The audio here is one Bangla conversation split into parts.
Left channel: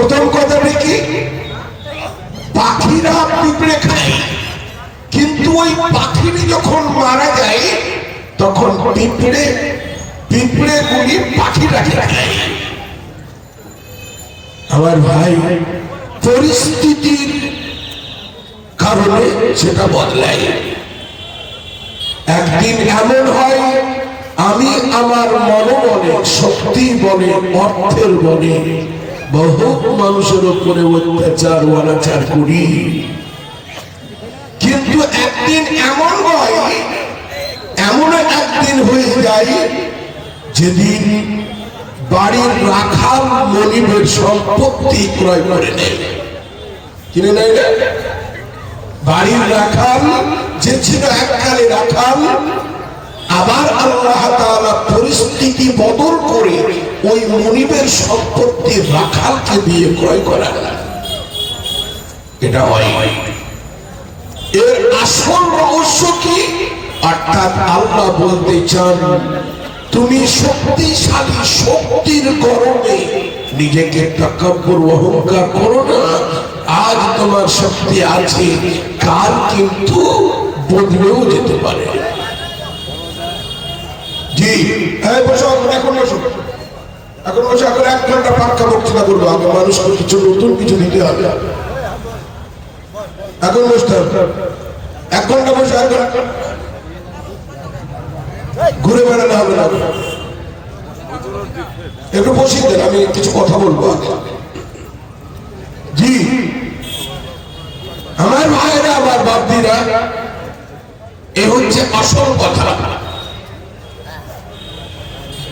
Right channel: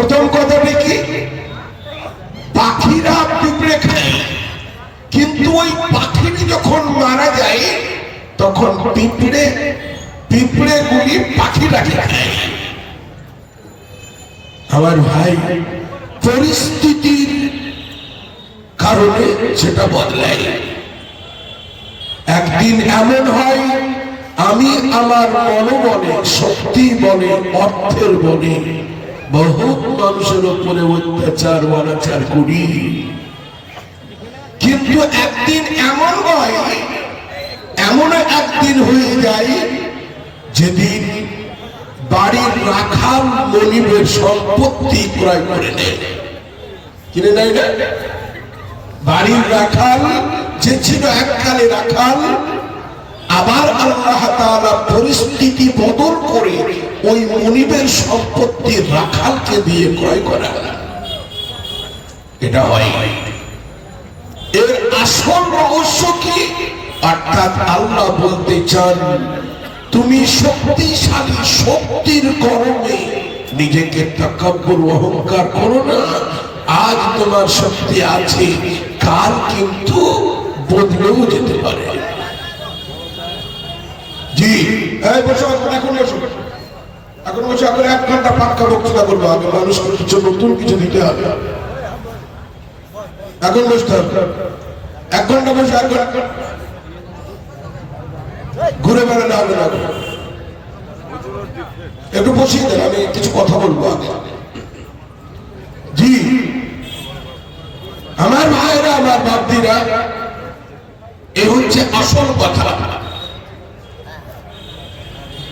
প্রথম কথা দেখি পাখিরা পিঁপড়ে খায়, কিন্তু ওই পাখিটি যখন মারা যায় তখন পিঁপড়ে গুলি পাখিরা খায়। আমার ভাই, পরিস্থিতির কারণে সেটা বদলায়। একদিন এমন হয় আমি আমার মনোবলে, শক্তি বলে, অর্থের বলে বহু মানুষের উপরে অত্যাচার অনাচার করি, কিন্তু একদিন এমন হয়, এমন একদিন হয়ে যায় যেদিন বাড়ির রাখাল মনিবের সম্পত্তি ক্রয় করে নেয়, কিনে নেয় না? বাড়ির রাখাল যে ছিল এককালে রাখাল, আবার আল্লাহ তাআলা পরিস্থিতি বদল করে ওই মনিবের সম্পত্তি রাখালকে দিয়ে ক্রয় করা। এটা হয়। এর আসল রহস্য কি? অর্থাৎ আল্লাহ বলতে চান, তুমি শক্তিশালী, শক্তির গরমে নিজেকে তাকাব্বুর অহংকার করো না। আজ তোমার শক্তি আছে, কাল কিন্তু বদলেও যেতে পারে। জি, এখন বসো, এখন 1 ঘন্টা ফাঁকা বক্তৃতা করবো। আমি মানুষকে কিছু নতুন কিছু দিতে হবে। এখন বসতে হবে, 1 ঘন্টা বসে, 1 ঘন্টা ঘুরে বেড়ালে হবে না। একটু বসিয়ে দেন, আমি কিছু কথা বলবো আগে। জি, আমার ভাইরা, আমার বাপদিরা, এ হচ্ছে আসল কথা।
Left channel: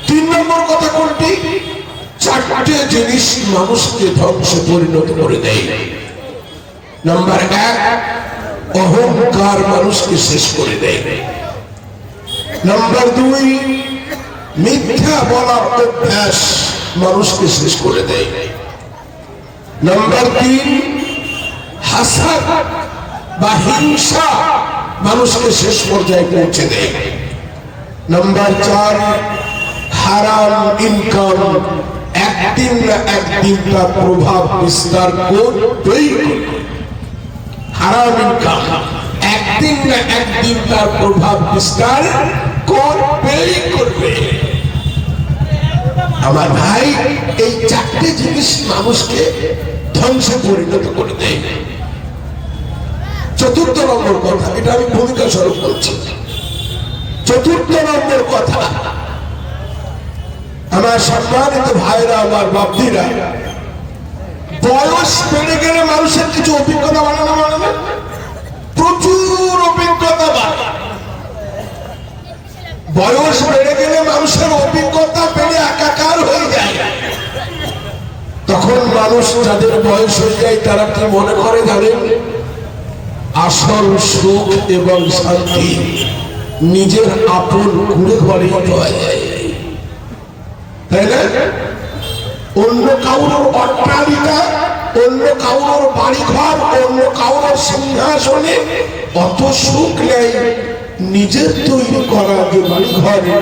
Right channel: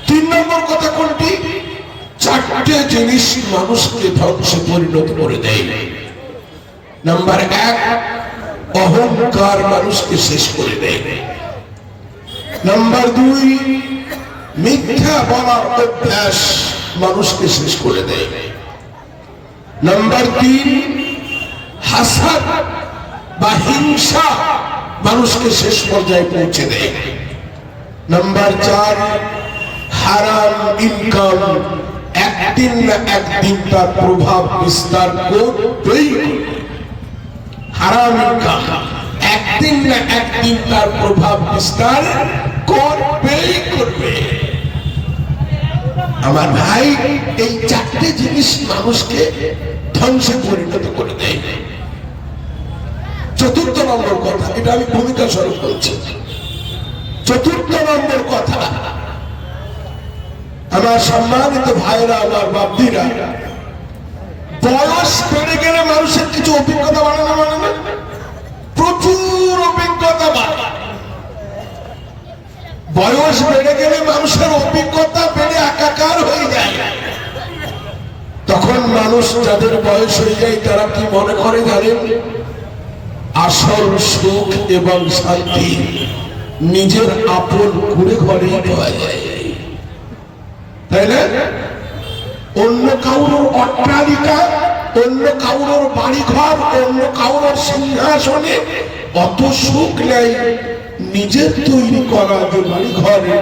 3 নম্বর কথা কোনটি? 4টে জিনিস মানুষকে ধ্বংসে পরিণত করে দেয়। নাম্বার 1, অহংকার মানুষকে শেষ করে দেয়। নাম্বার 2, মিথ্যা বলার অভ্যাস মানুষকে শেষ করে দেয়। নাম্বার 3, হাসাদ বা হিংসা মানুষকে শেষ পর্যায়ে পৌঁছে দেয়। নাম্বার 4, হারাম ইনকাম একদিন না একদিন তার প্রভাব বিস্তার করবেই। হারাম ইনকাম একদিন না একদিন তার প্রভাব বিস্তার করবেই করবে। আমার ভাই, এই 4টে জিনিস মানুষকে ধ্বংসে পরিণত করে দেয়। 4র্থ নম্বর কথা, এটা আমি ভূমিকা স্বরূপ বলছি। 4র্থ নম্বর কথা, আমার সম্মানিত ভাইরা, আমার বাপদিরা, বয়স বেড়ে গেলে মানুষের কিছু অভিজ্ঞতা বাড়ানো, প্রচুর অভিজ্ঞতা বাড়ে। বয়স বেড়ে গেলে মানুষের অভিজ্ঞতা বেড়ে একাকার হয়ে যায়। তখন মানুষ, যাদের বয়স হয়ে যায়, তারা কি মনে করে জানেন? আসল সুখ এবং শান্তি নিজের আপন ঘুরে ঘরে পাওয়া যায়, তাই না? অন্য কাউর অট্টালিকা, অন্য কাউর বাড়িঘর, অন্য কাউর সিংহাসনে অত সুখ নেই নিজের তৈরি করা যে বাড়িঘরে,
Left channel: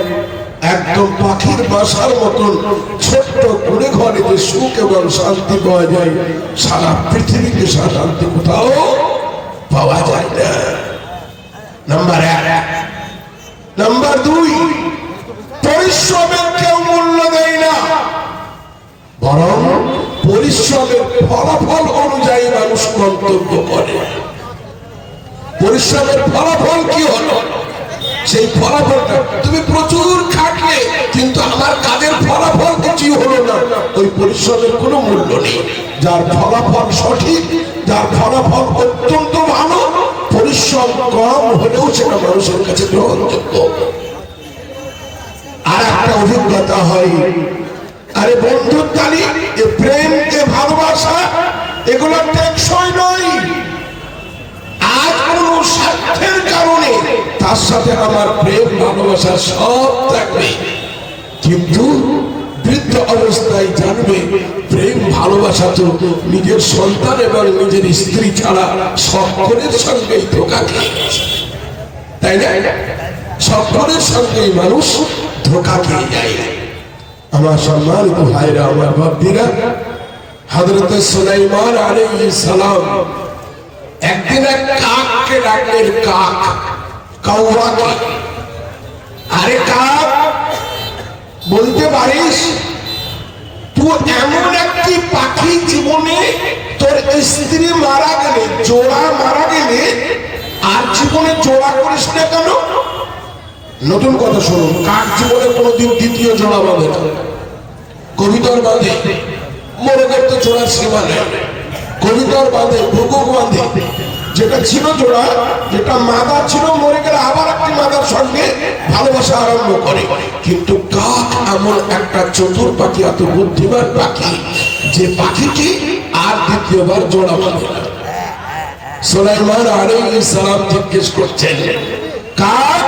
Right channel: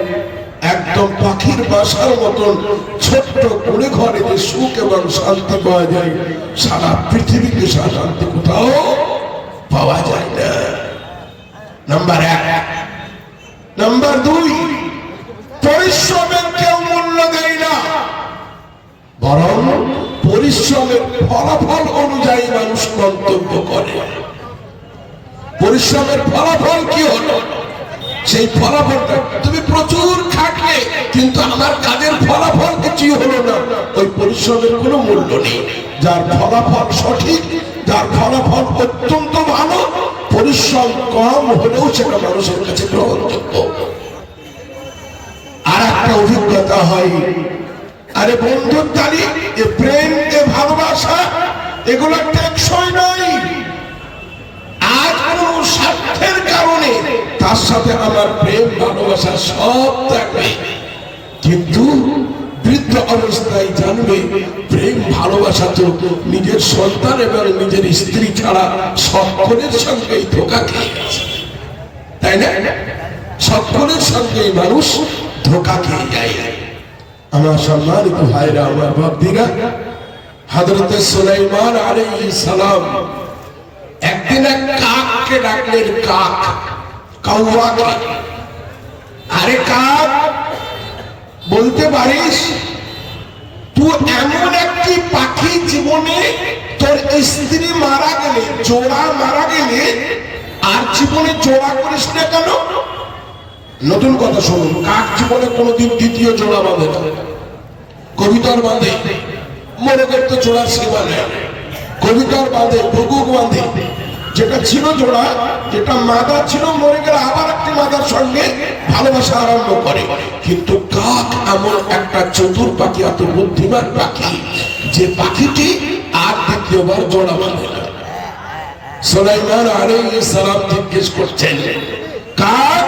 একদম পাখির বাসার মতন ছোট্ট ঘুরে ঘরে যে সুখ এবং শান্তি পাওয়া যায়, সারা পৃথিবীতে শান্তি কোথাও পাওয়া যায় না। নাম্বার 1। নাম্বার 2, পরিশ্রমের কেউ মূল্য দেয় না, বরং পরিশ্রমের ফলাফল অনুযায়ী মানুষ মন্তব্য করে। পরিশ্রমের ফলাফল কি হলো, সেই ফলাফলটা, তুমি প্রচুর খাটলে কিন্তু আমার কাজের ফলাফল কিছুই হলো না, ওই পরিশ্রমের কোনো মূল্য নেই। যার ফলাফল সঠিক, যার ফলাফল অত্যন্ত ভালো, পরিশ্রম কম হলেও সেটা মানুষের কাছে গ্রহণযোগ্য। আর একটা অভিজ্ঞতা হয়, আরে বন্ধুত্বালি, এ প্রেম, এ ভালোবাসা, এগুলো টেকসই নয়। আজ কোন স্বার্থের কারণে তার সাথে আমার প্রেম ভালোবাসা সব থাকবে, কিন্তু বৃদ্ধ অবস্থায় জানবে প্রেম ভালোবাসা তো নিজের সন্তান এবং নিজের স্ত্রী ছাড়া সকলের সঙ্গেই ধোঁকা খেয়ে গেছে, তাই না? সকলের সঙ্গেই মানুষ ধোঁকা খেয়ে যায়। আমার সম্মানিত ভাইরা, আমার বাপদিরা, হযরত সুলাইমান আলাইহিস সালাম একদিন এক কাককে ডাকলেন, কাক, কাউয়াকে, আরে কাক, বলতে পারিস তুই এমন একটি পাখি, জীবনে তোর স্ত্রী মারা গেলে, জোড়া মারা গেলে, আর জীবনে জোড়া করিস না কেন? নতুন কথা শুনুন, কাক জীবনে কোনোদিন দ্বিতীয় জোড়া বাঁধে না। কবিতার বাঁধে, মোরগের তো জোড়া সীমা নেই, কবিতার বাঁধে, বকুক বাঁধে, যেটা ছিল জোড়া, যেটা মাদা ছিল, মরে গেলে আবার একটি মাদার সঙ্গে ভালোবাসা আরম্ভ করে। কিন্তু কাক এমন একটা চতুর পাখি, এত বুদ্ধিমান পাখি, যে পাখিটি আর দ্বিতীয়বার জোড়া বাঁধে না। সুলাইমান আলাইহিস সালাম জিজ্ঞেস করছেন, কাক,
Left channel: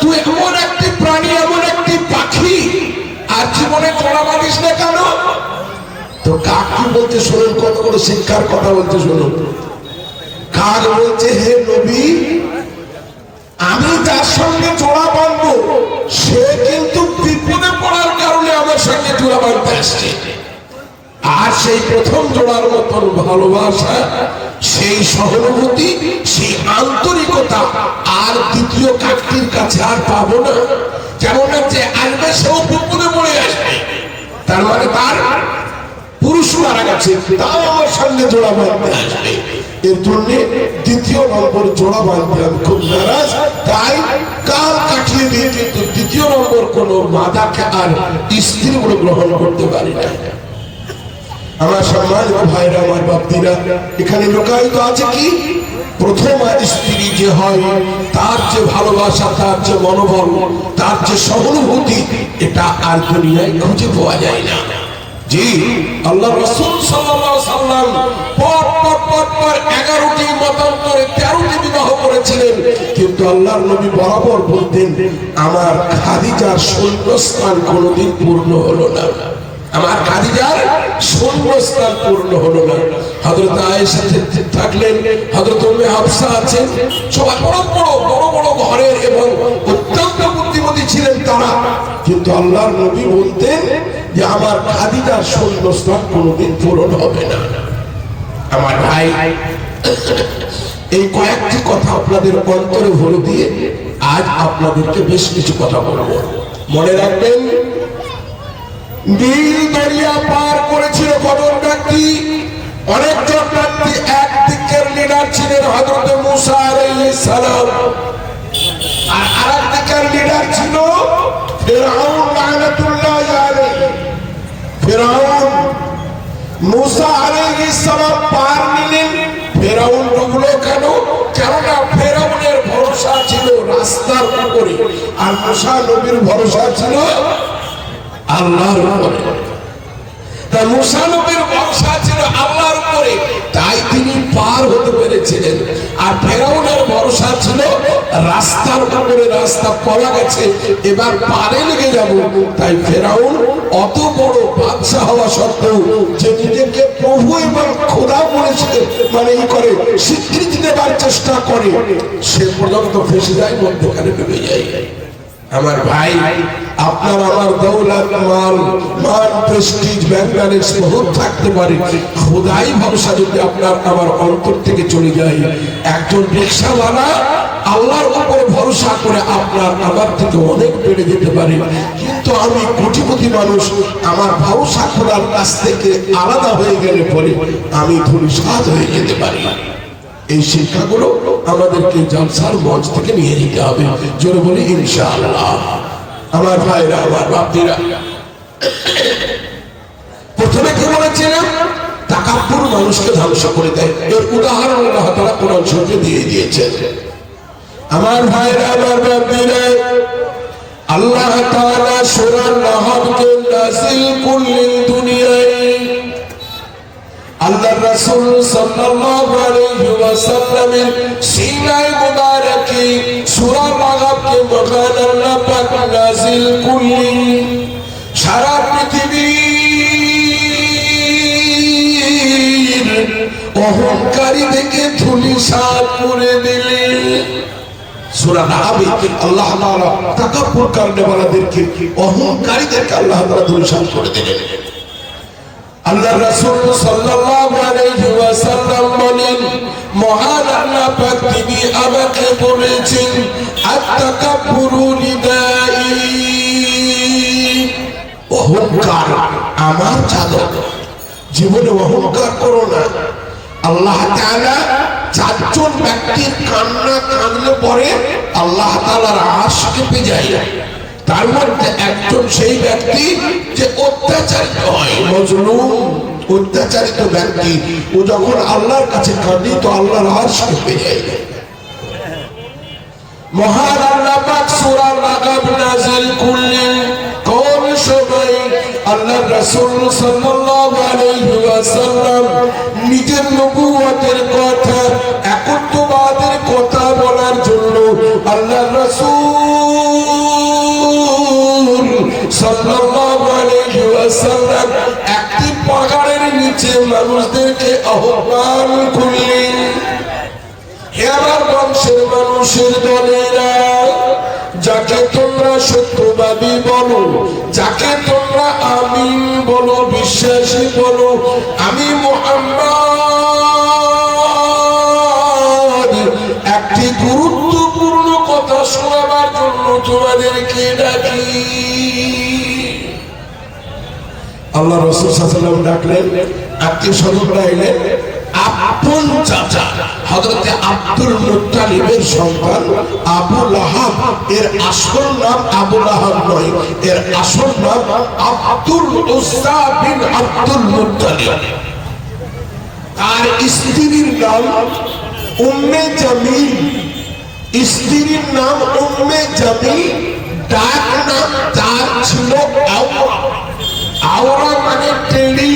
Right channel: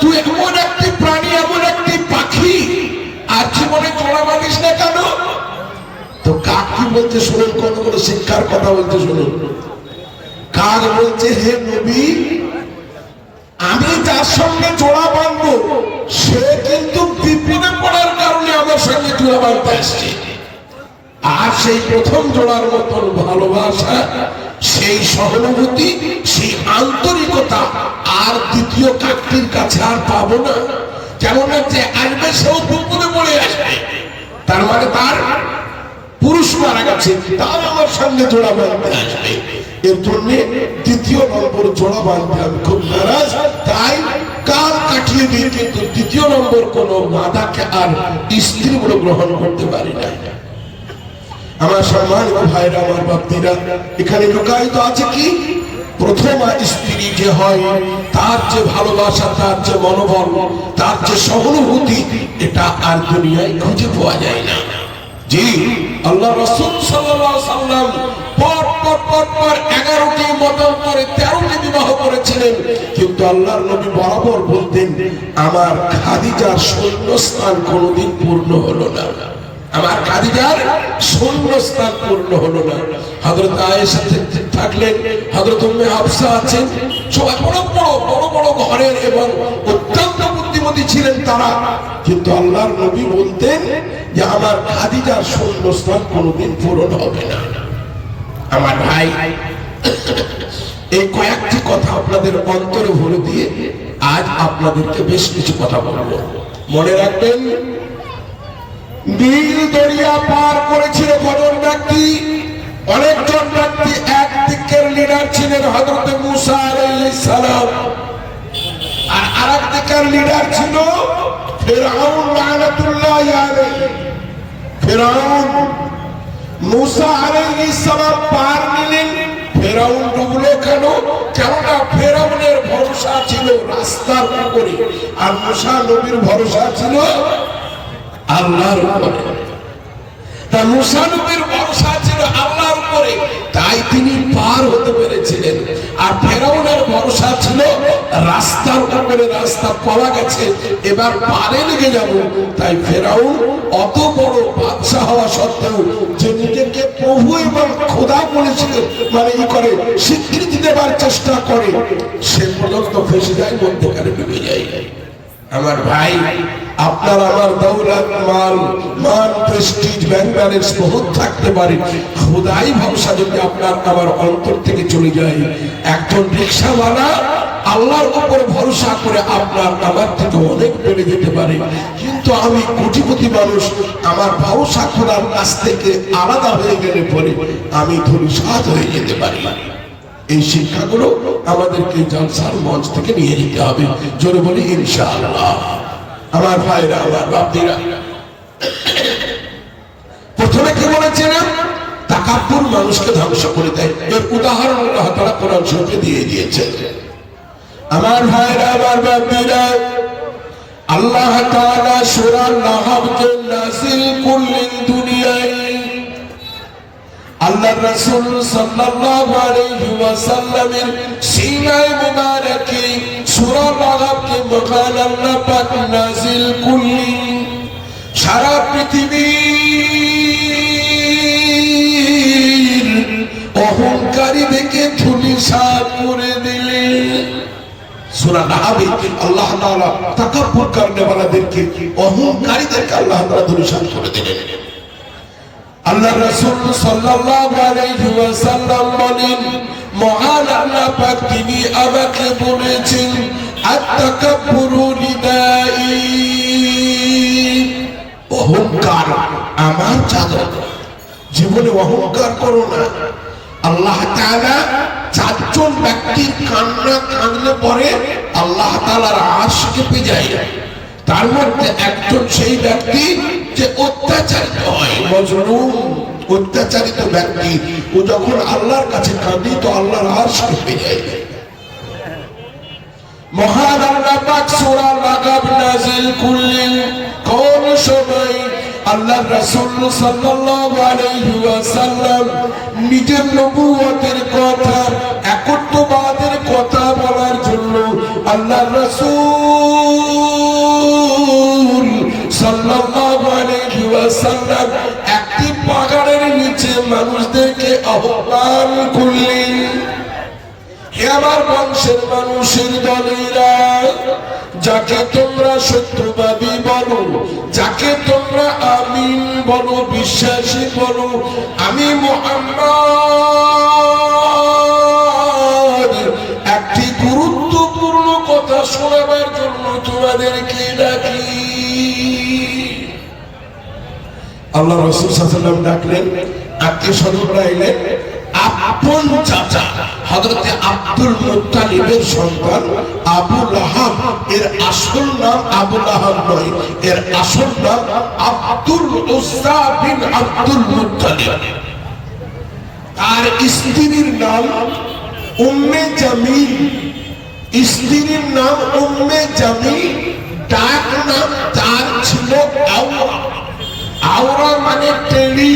তুই এমন একটি প্রাণী, এমন একটি পাখি, আর জীবনে জোড়া বাঁধিস না কেন? তো কাক কি বলতে শুনুন, কত বড় শিক্ষার কথা বলতে শুনুন। কাক বলছে, হে নবী, আমি যার সঙ্গে জোড়া বাঁধবো সে কিন্তু বিপদে পড়ার কারণে আমার সঙ্গে জোড়া বাঁধতে আসছে। আর সেই প্রথম জোড়ার মতন ভালোবাসা, সেই সহানুভূতি, সেই আন্তরিকতা আর দ্বিতীয় কাকটির কাছে আর পাবো না। কেমন যে আসবে, সেও বিপদে পড়ে আসবে, তার মানে তার পুরুষ মারা গেছে, তাও আমার সঙ্গে জোড়া বাঁধতে আসবে। এর জন্য দ্বিতীয় নম্বর জোড়া বাঁধতে আমি খুব নারাজ, তাই কাল কাটিয়ে দিয়ে কিন্তু দ্বিতীয় নম্বর কোন মাদাকে আর স্ত্রী বলে গ্রহণ করতে পারি না। আমার সম্মানিত ভাইরা, আমার বাপ্তিরা, এখানে লোকায়িত আছে কি, প্রথম স্ত্রী যে হয় তার যে ভালোবাসা, তার যে মনোবল, তার যে সহানুভূতি, এটা আর দুনিয়ায় খুঁজে পাওয়া যায় না। জি, আল্লাহ রাসূল সাল্লাল্লাহু আলাইহি সাল্লাম পর 11টি মতান্তরে 13টি বিবাহ করেছিলেন, কিন্তু আল্লাহর নবী বরাবর বলতেন, আমার খাদিজার শূন্যস্থান কোনোদিন পূর্ণ হলো না, আমার খাদিজার শূন্যস্থান পূর্ণ হলো না। হযরত আয়েশা থাকলেন, হযরত উম্মে হাফসা আছেন, সবাই বড় বড় ঘরের এবং অত্যন্ত বুদ্ধিমতী ছিলেন তারা, কিন্তু আল্লাহর নবী বলতেন যে আমার খাদিজার শূন্যস্থান কোনোদিন পূরণ হবে না। আমার ভাই, এই কয়েকটি কথা আপনাদের অন্তরে ভরে দিয়ে আজ আপনাদেরকে বেশ কিছু কথা বলবো। মনে রাখবেন, নীল দরিয়া পার করেছিল ঘটনাটা কি? অনেকজন ব্যক্তি, একদিকের লিডার ছিলেন হযরত মুসা আলাইহিস সালাম, আর আরেকদিকের লিডার ছিল ফিরআউন লানাতুল্লাহি আলাইহি। ফিরআউন মুসা আলাইহিস সালাম পার নিলেন, ফিরআউন ডুবলো কেন? কেননা ফিরআউনের ভরসা ছিল রাস্তার উপরে, আর মুসা নবীর ভরসা ছিল আল্লাহর উপরে। তা মুসা নবীর ভরসা ছিল আল্লাহর উপরে, তাই তিনি পার হতে পেরেছিলেন। আর ফিরআউনের ভরসা ছিল রাস্তার উপরে, রাস্তা পাওয়া গেছে, এবার পারে লেগে যাব। তাই ফিরআউন অত বড় বাদশা হওয়া সত্ত্বেও, যে নিজেকে প্রভু এবং খোদা বলেছিলেন, মানে এই করে স্বীকৃতি দেবার চেষ্টা করে, সে পর্যন্ত ফেসে যায়, মধ্যখানে ডুবে যায়। আমার ভাই, আপনার আমার দৌলত, মাল, মান, প্রেস্টিজ, ব্যাংক ব্যালেন্স বহুত থাকতে পারে, খোদাই ভরসা যদি আপনার আমার অন্তর থেকে চলে যায়, একজন রিকশাওয়ালা আল্লাহর উপর ভরসা করে আপনার আমার থেকে অনেক বেড়ে যেতে পারে, কিন্তু আমি কোটিপতি মানুষ, আমার ভরসা খোদার কাছ থেকে আলাদা হয়ে গেলে পরে আমি ধূলিসাৎ হয়ে যেতে পারি। এই শিক্ষাগুলো আমাদেরকে জালসার মঞ্চ থেকে নিয়ে যেতে হবে, জোরে বলি ইনশাআল্লাহ। আমার ভাইরা, আমার বাপদিরা, প্রথমে কি বলেছিলাম? তাকাব্বুর মানুষকে ধ্বংস করে দেয়। এর উদাহরণ আল্লাহ তাআলা কোরআন শরীফে দিয়ে দিয়েছেন। আমার ভাইরা, আমার বাপদিরা, আল্লাহ তাআলা সূরা নাহলকে নাযিল করলেন দুনিয়ায়। আল্লাহর রাসূল সাল্লাল্লাহু আলাইহি ওয়াসাল্লামের সিনায়ে মুবারকে সূরা নাহলকে মহান আল্লাহ পাক নাযিল করলেন। সারা পৃথিবীর অহংকারীদেরকে ধূলিসাৎ করে দিলেন। সূরা নাহলে আল্লাহ তাআলা তাকাব্বুর করনেওয়ালাদেরকে, অহংকারীদেরকে আল্লাহ তাআলা ধূলিসাৎ করে দিলেন। আল্লাহ রাসূল সাল্লাল্লাহু আলাইহি ওয়াসাল্লাম বলেন, মহান আল্লাহ পাক তিনি আমাকে বলেছেন, আত-তাকাব্বুরু লিদাই, অহংকার আমার চাদর, জীবনে অহংকার করো না। আল্লাহ তাআলা চারজন ব্যক্তির কান্না কাঁদলে পরে আল্লাহ তাআলার আরশ কেঁপে যায়। তার মধ্যে একজন সেই ব্যক্তি যে অত্যাচারিত হয়, মজলুম, অত্যাচারিত ব্যক্তি, ও যখন আল্লাহর কাছে কাঁদে তো আল্লাহর আরশ কেঁপে যায়। মহান আল্লাহ পাক সূরা লাকাব নাযিল করলেন কোন সময়? আল্লাহ রাসূল সাল্লাল্লাহু আলাইহি ওয়াসাল্লাম নিজের নবুয়তের কথা, একত্ববাদের কথা বলার জন্য আল্লাহ রাসূল সাল্লাল্লাহু আলাইহি ওয়াসাল্লাম একটি পাহাড়ের নিচে মানুষদেরকে আহ্বান করলেন, হে আমার বংশের মানুষের দলেরা, যাকে তোমরা সত্যবাদী বলো, যাকে তোমরা আমিন বলো, বিশ্বাসী বলো, আমি মুহাম্মদ একটি গুরুত্বপূর্ণ কথা শোনাবার জন্য তোমাদেরকে ডাকি। আল্লাহ রাসূল সাল্লাল্লাহু আলাইহি ওয়াসাল্লাম ডাকলেন, আত্মীয় স্বজনরা এলেন। আপন চাচা হযরতে আব্দুল মুত্তালিবের সন্তান আবু লাহাব, এর আসল নাম আবু লাহাব নয়, এর আসল নাম আব্দুল উজ্জা বিন আব্দুল মুত্তালিব। আর স্ত্রীর নাম উম্মে জামিল, স্ত্রীর নাম উম্মে জামিল, ডাক নাম তার ছিল আওরা। আওরা মানে টেড়ি,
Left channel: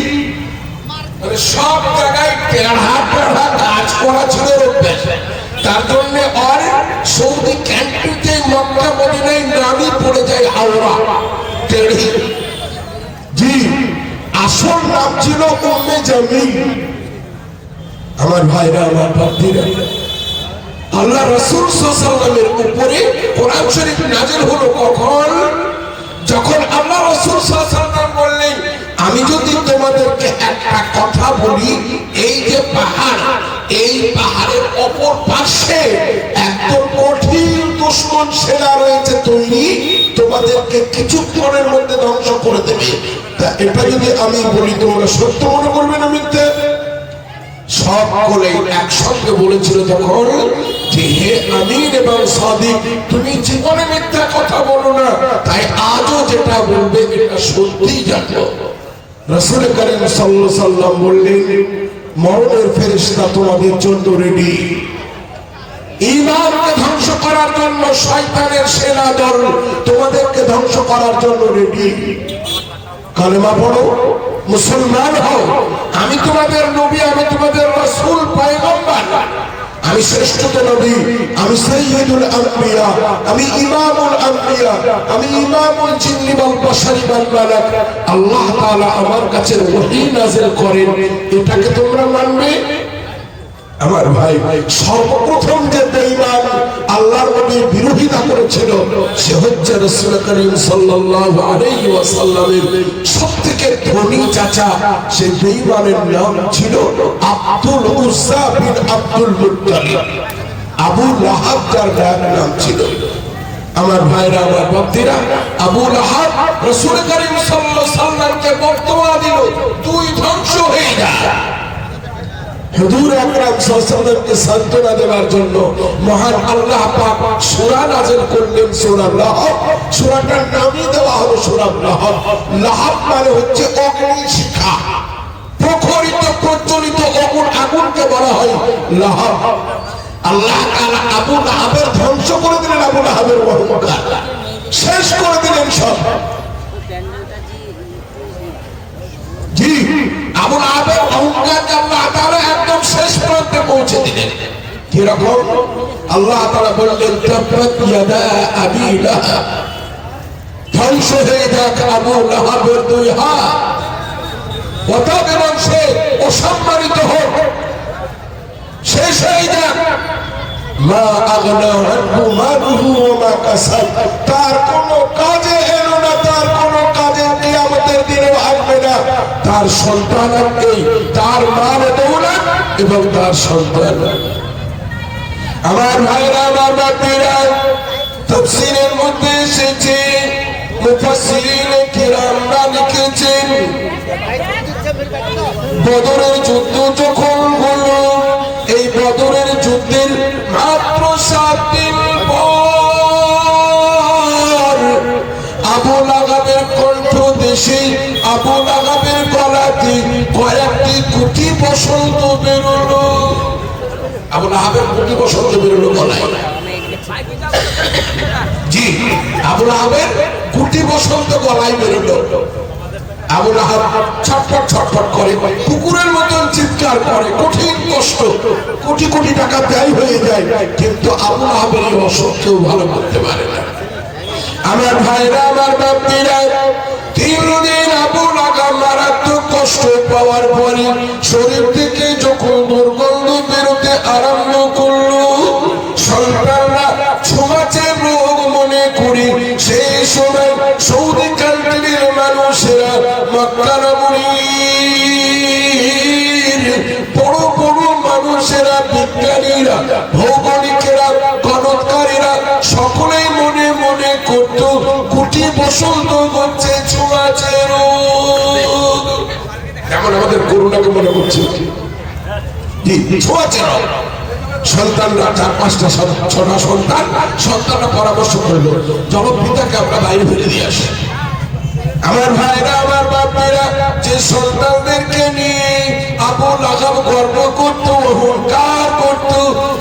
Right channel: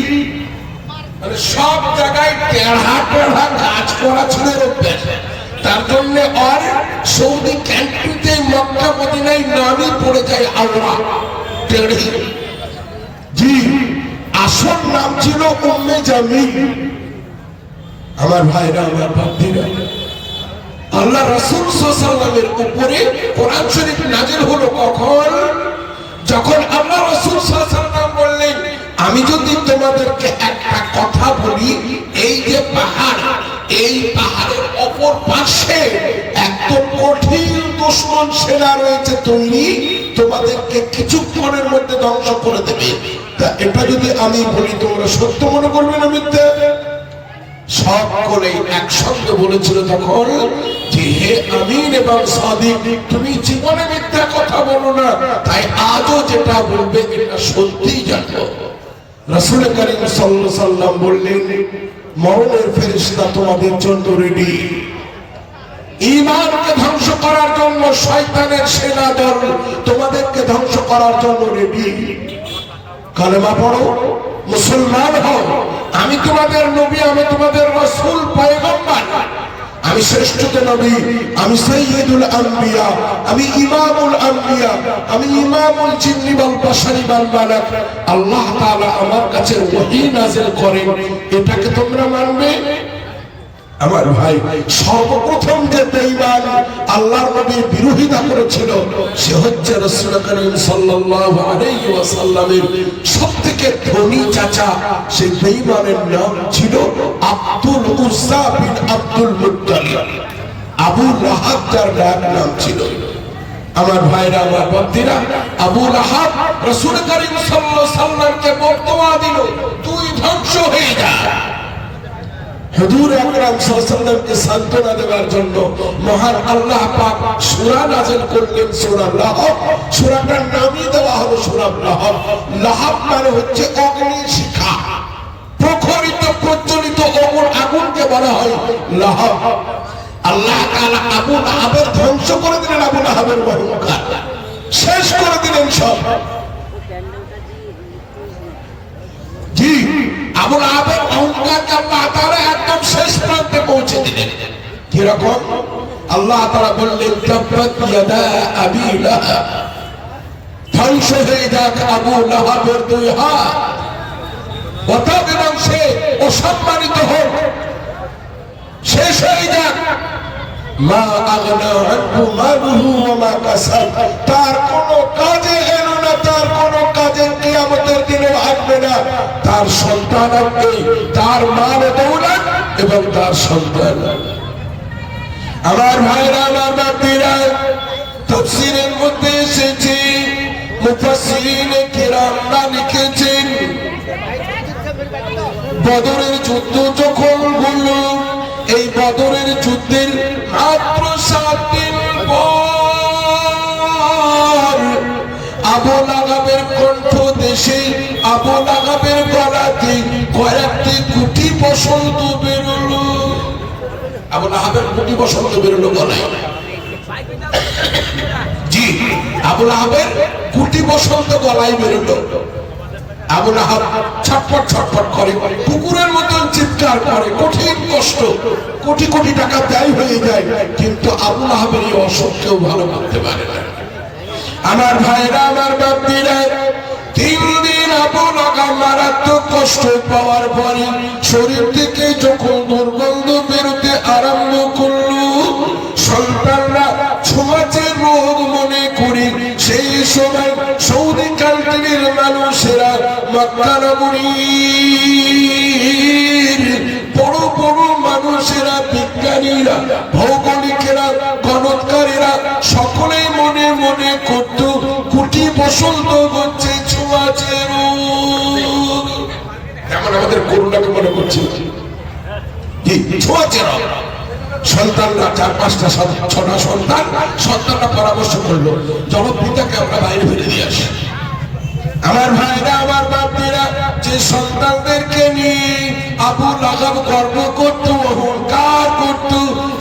মানে সব জায়গায় টেढ़া টেढ़া কাজ করা ছিল অভ্যাস। তার জন্য আর সৌদি কান্ট্রিতে মক্কা মদিনায় নামই পড়ে যায় আওরা, টেড়ি। জি, আসল নাম ছিল উম্মে জামিল। আমার ভাইরা, আমার বাপজিরা, আল্লাহ রাসূল সাল্লাল্লাহু আলাইহি ওয়াসাল্লামের উপরে কোরআন শরীফ নাযিল হলো কখন? যখন আল্লাহ রাসূল সাল্লাল্লাহু আলাইহি ওয়াসাল্লাম বললেন, আমি যদি তোমাদেরকে একটা কথা বলি, এই যে পাহাড়, এই পাহাড়ের অপর পাশে একদম কঠিন দুশমন সেনা রয়েছে তৈরি, তোমাদেরকে কিছুক্ষণের মধ্যে ধ্বংস করে দেবে। তা এটা যদি আমি বলি তোমরা সত্য মনে করবে না মিথ্যে? সকলেই একসঙ্গে বলেছিল তখন যে, হে আমিন এবং সাদিক, তুমি জীবনে মিথ্যা কথা বলো না, তাই আজও যেটা বলবে এটা সত্যি জানো। রাসূল করিম সাল্লাল্লাহু আলাইহি ওয়াসাল্লাম বললেন, মরণের ফেরেশতা তোমাদের জন্য রেডি। ঈমানকে ধ্বংস করার জন্য শয়তানের সেনা দল তোমাদেরকে ধ্বংস করার জন্য রেডি। কালেমা পড়ো, মুসলমান হও, আমি তোমাদের নবী, আমি তোমাদের রাসূল, পয়গম্বর, আমি শ্রেষ্ঠ নবী, আমি সাইয়্যিদুল আম্বিয়া, আমি ইমামুল আম্বিয়া, আমি ইমামুল জিন্নি ওয়াল বাশারি ওয়াল মালাক। আল্লাহ তাআলা আমার কাছে ওহী নাযিল করেন, এটাকে তোমরা মানবে? আমার ভাই, সর্বপ্রথম যে বেঈমান আল্লাহর নবীর বিরোধিতা করেছিল সে হচ্ছে রাসূল করিম সাল্লাল্লাহু আলাইহি ওয়াসাল্লামের সবথেকে ধনী চাচা। সেই বেঈমানের নাম ছিল আব্দুল উজ্জা বিন আব্দুল মুত্তালিব, আবু লাহাব যার নাম ছিল। আমার ভাইরা, আমার ভক্তরা, আবু লাহাব রাসূল করিম সাল্লাল্লাহু আলাইহি ওয়াসাল্লামকে বর্তমান দিল, তুই ধ্বংস হয়ে যা। হুজুর আকরাম সাল্লাল্লাহু আলাইহি ওয়াসাল্লামকে সান্ত্বনা দেওয়ার জন্য মহান আল্লাহ পাক সূরা নাযিল করলেন, সূরা লাহাব। সূরাটার নামই দেওয়া হলো সূরা লাহাব। লাহাব মানে হচ্ছে অগ্নি শিখা, প্রখরিত প্রজ্বলিত আগুনকে বলা হয় লাহাব। আল্লাহ তাআলা আবু লাহাবের ধ্বংস করে দিলেন, আবু লাহাবের অহংকার শেষ করে দিলেন সব। জি, আবু লাহাবের অহংকারকে আল্লাহ তাআলা একদম শেষ প্রান্তে পৌঁছে দিলেন। কিরকম? আল্লাহ তাআলা বললেন, তাব্বাত ইয়াদা আবি লাহাব, ধ্বংস হয়ে যাক আবু লাহাবের দুই হাত, অতঃপর অসম্মানিত হোক, শেষ হয়ে যাক। মা আগনা আনহু মালুহু ওয়া মা কাসাব, তার কোনো কাজে এলো না, তার কোনো কাজে কিয়ামতের দিনে আসবে না। তার সন্তান তার মার দৌলত এবং তার সন্তান। আমার ভাইরা, আমার বাপেরা, তাফসীরের মধ্যে এসেছে, মুফাসসিরিন কিরামরা লিখেছেন, বদরের যুদ্ধ যখন হলো, এই বদরের যুদ্ধের মাত্র 7 দিন পর আবু লাহাবের কণ্ঠ দেশে, আবু লাহাবের গলাতে কয়েকটি গুটি বসন্ত বেরোলো। আবু লাহাবের গুটি বসন্ত বেরোলো গলায়। জি, আবু লাহাবের গুটি বসন্ত গলায় বেরোলো। আবু লাহাব ছটফট ছটফট করে, কুকুরের মতন চিৎকার করে, কঠিন কষ্ট, কোটি কোটি টাকা ব্যয় হয়ে যায়, কিন্তু আবু লাহাবের এই অসুখ কেউ ভালো করতে পারে না। আমার ভাইরা, আমার বাপীরা, 3 দিন আবু লাহাব মারাত্মক কষ্ট পাওয়ার পরে শরীর থেকে যখন দুর্গন্ধ বেরোতে আরম্ভ করলো, সন্তানরা ছোঁয়াচে রোগ মনে করে সেই সময় সৌদি কান্ট্রির মানুষেরা, মক্কা নগরীর বড় বড় মানুষেরা, বিজ্ঞানীরা, ভৌগোলিকেরা, গণৎকারীরা সকলেই মনে মনে করত গুটি বসন্ত হচ্ছে ছোঁয়াচে রোগ। যেমন আমাদের করোনাকে মনে করছে ছোঁয়াচে রোগ। সন্তানরা 4-5টা 6টা সন্তানরা পরামর্শ করলো, জনপিতাকে আমরা বাইরে ফেলে দিয়ে আসি। আমার ভাইরা, আমার বাপেরা, যে সন্তানদেরকে নিয়ে আবু লাহাব গর্ব করত, অহংকার করত,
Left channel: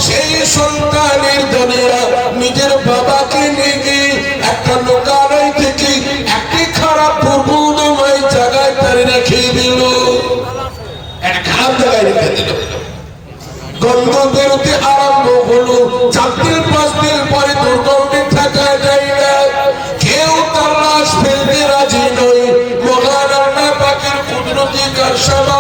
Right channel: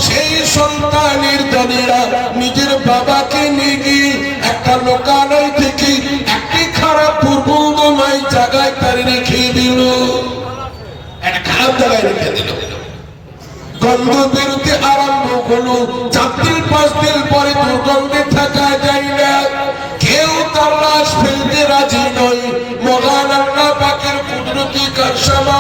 সেই সন্তানের দলেরা নিজের বাবাকে নিয়ে গিয়ে একটা লোকালয় থেকে একটি খারাপ দুর্গন্ধময় জায়গায় তারে রেখে দিল, একটা খারাপ জায়গায় রেখে দিল। গন্ধ বেরোতে আরম্ভ হলো, 4 দিন 5 দিন পরে দুর্গন্ধে থাকা যায় না, কেউ তার লাশ ফেলতে রাজি নয়। মহান আল্লাহ পাকের কুদরতি কারসামত,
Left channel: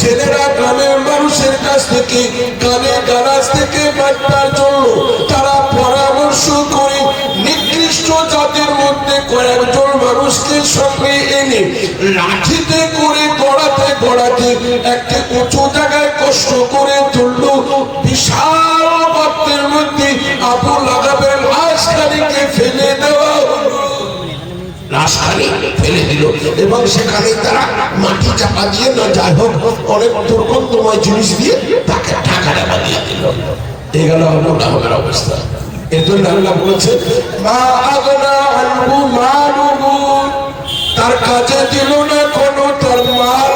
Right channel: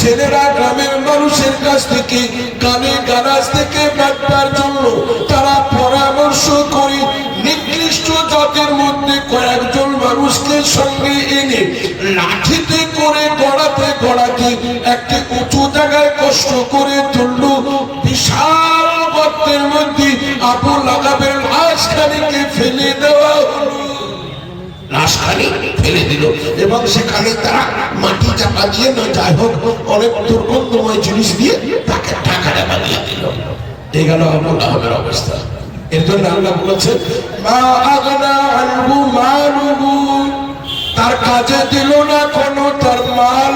ছেলেরা গ্রামের মানুষের কাছ থেকে, গ্রামে গারাজ থেকে বাঁচবার জন্য তারা পরামর্শ করে নিকৃষ্ট জাতের মধ্যে কয়েকজন মানুষকে সঙ্গে এনে লাঠিতে করে গড়াতে গড়াতে একটা উঁচু জায়গায় কষ্ট করে তুলল। বিশাল গর্তের মধ্যে আবু লাহাবের লাশখানিকে ফেলে দেওয়া হলো, লাশখানি ফেলে দিল এবং সেখানে তারা মাটি চাপা দিয়ে, না যাই হোক অনেক দুর্গন্ধময় জিনিস দিয়ে তাকে ঢাকা চাপা দিয়ে দিল। এই গেল আবু লাহাবের অবস্থা। এর জন্য আল্লাহ বলেছে, মা আগনা আনহু মালুহু, তার কাজে দিল না কোনো তার মাল,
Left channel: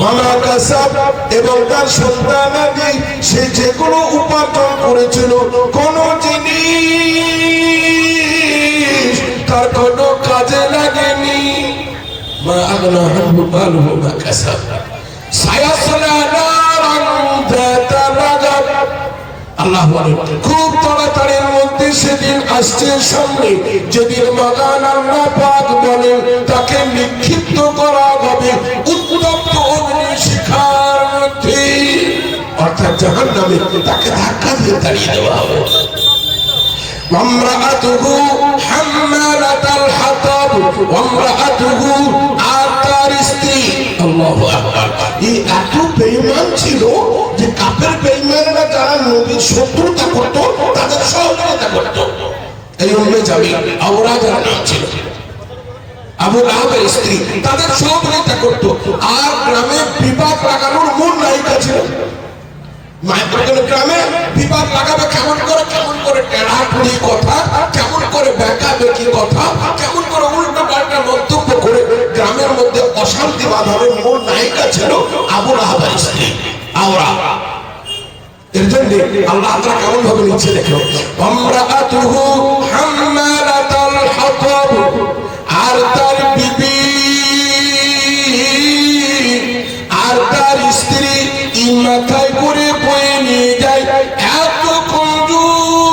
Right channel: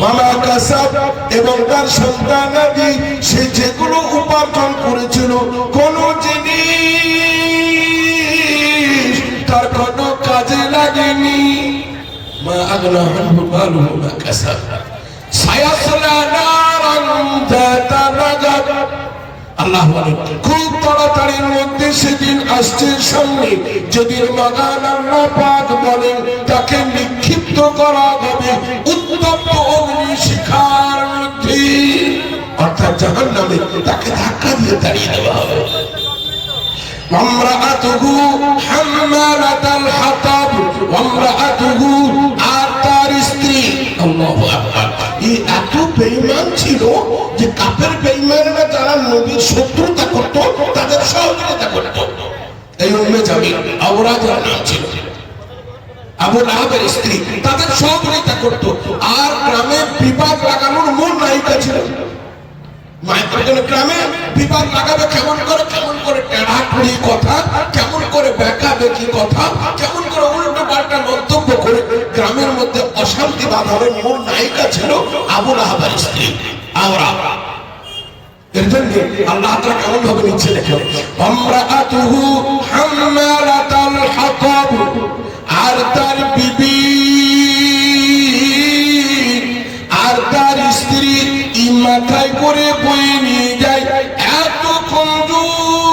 ওয়া কাসাব, এবং তার সন্তানাদি সে যেগুলো উপার্জন করেছিল, কোন জিনিস তার কোনো কাজে লাগেনি। মা আগনা আনহু মালুহু ওয়া কাসাব সায়াসলা নারান যাতা লাহাব। আল্লাহ বলেন, খুব তাড়াতাড়ির মধ্যে সেদিন আসছে সামনে, যেদিন মহান আল্লাহ পাক বলেন তাকে নিক্ষিপ্ত করা হবে উত্তপ্ত অগ্নিশিখার মধ্যে, অর্থাৎ জাহান্নামে তাকে ধাক্কা দিয়ে তাড়িয়ে দেওয়া হবে। ওয়ামরাআতুহু হাম্মালাতাল হাতাব, ওয়ামরাআতুহু, আর তার স্ত্রী, আল্লাহু আকবার, এই এত বেঈমান ছিল যে কাফের বেঈমানরা যারা নবীর শত্রুতা করত তাদের সহযোগিতা করত। এই উম্মে জামিল আওরা যারা ছিল, আবু লাহাবের স্ত্রী, তাদের সহযোগিতা করত। আর গ্রামে বিবাদ লাগানোর মূল নায়িকা ছিল। গ্রামে বিবাদ লাগাবে কেমন করে টেড়াটুড়ি কথা, কেমন করে বেকা বেকি কথা, কেমন করে উল্টো পাল্টা মন্তব্য করে গ্রামের মধ্যে অশান্তি বাঁধানোর মূল নায়িকা ছিল আবু লাহাবের স্ত্রী আওরা। এর জন্য আল্লাহ তাআলা কেমন ভাবে নিচে লেখো, আমরাআতুহু হাম্মালাতাল হাতাব, আর তার বিবি, আর তার স্ত্রী মাথায় করে বয়ে নিয়ে যায়। এত কঞ্জুস,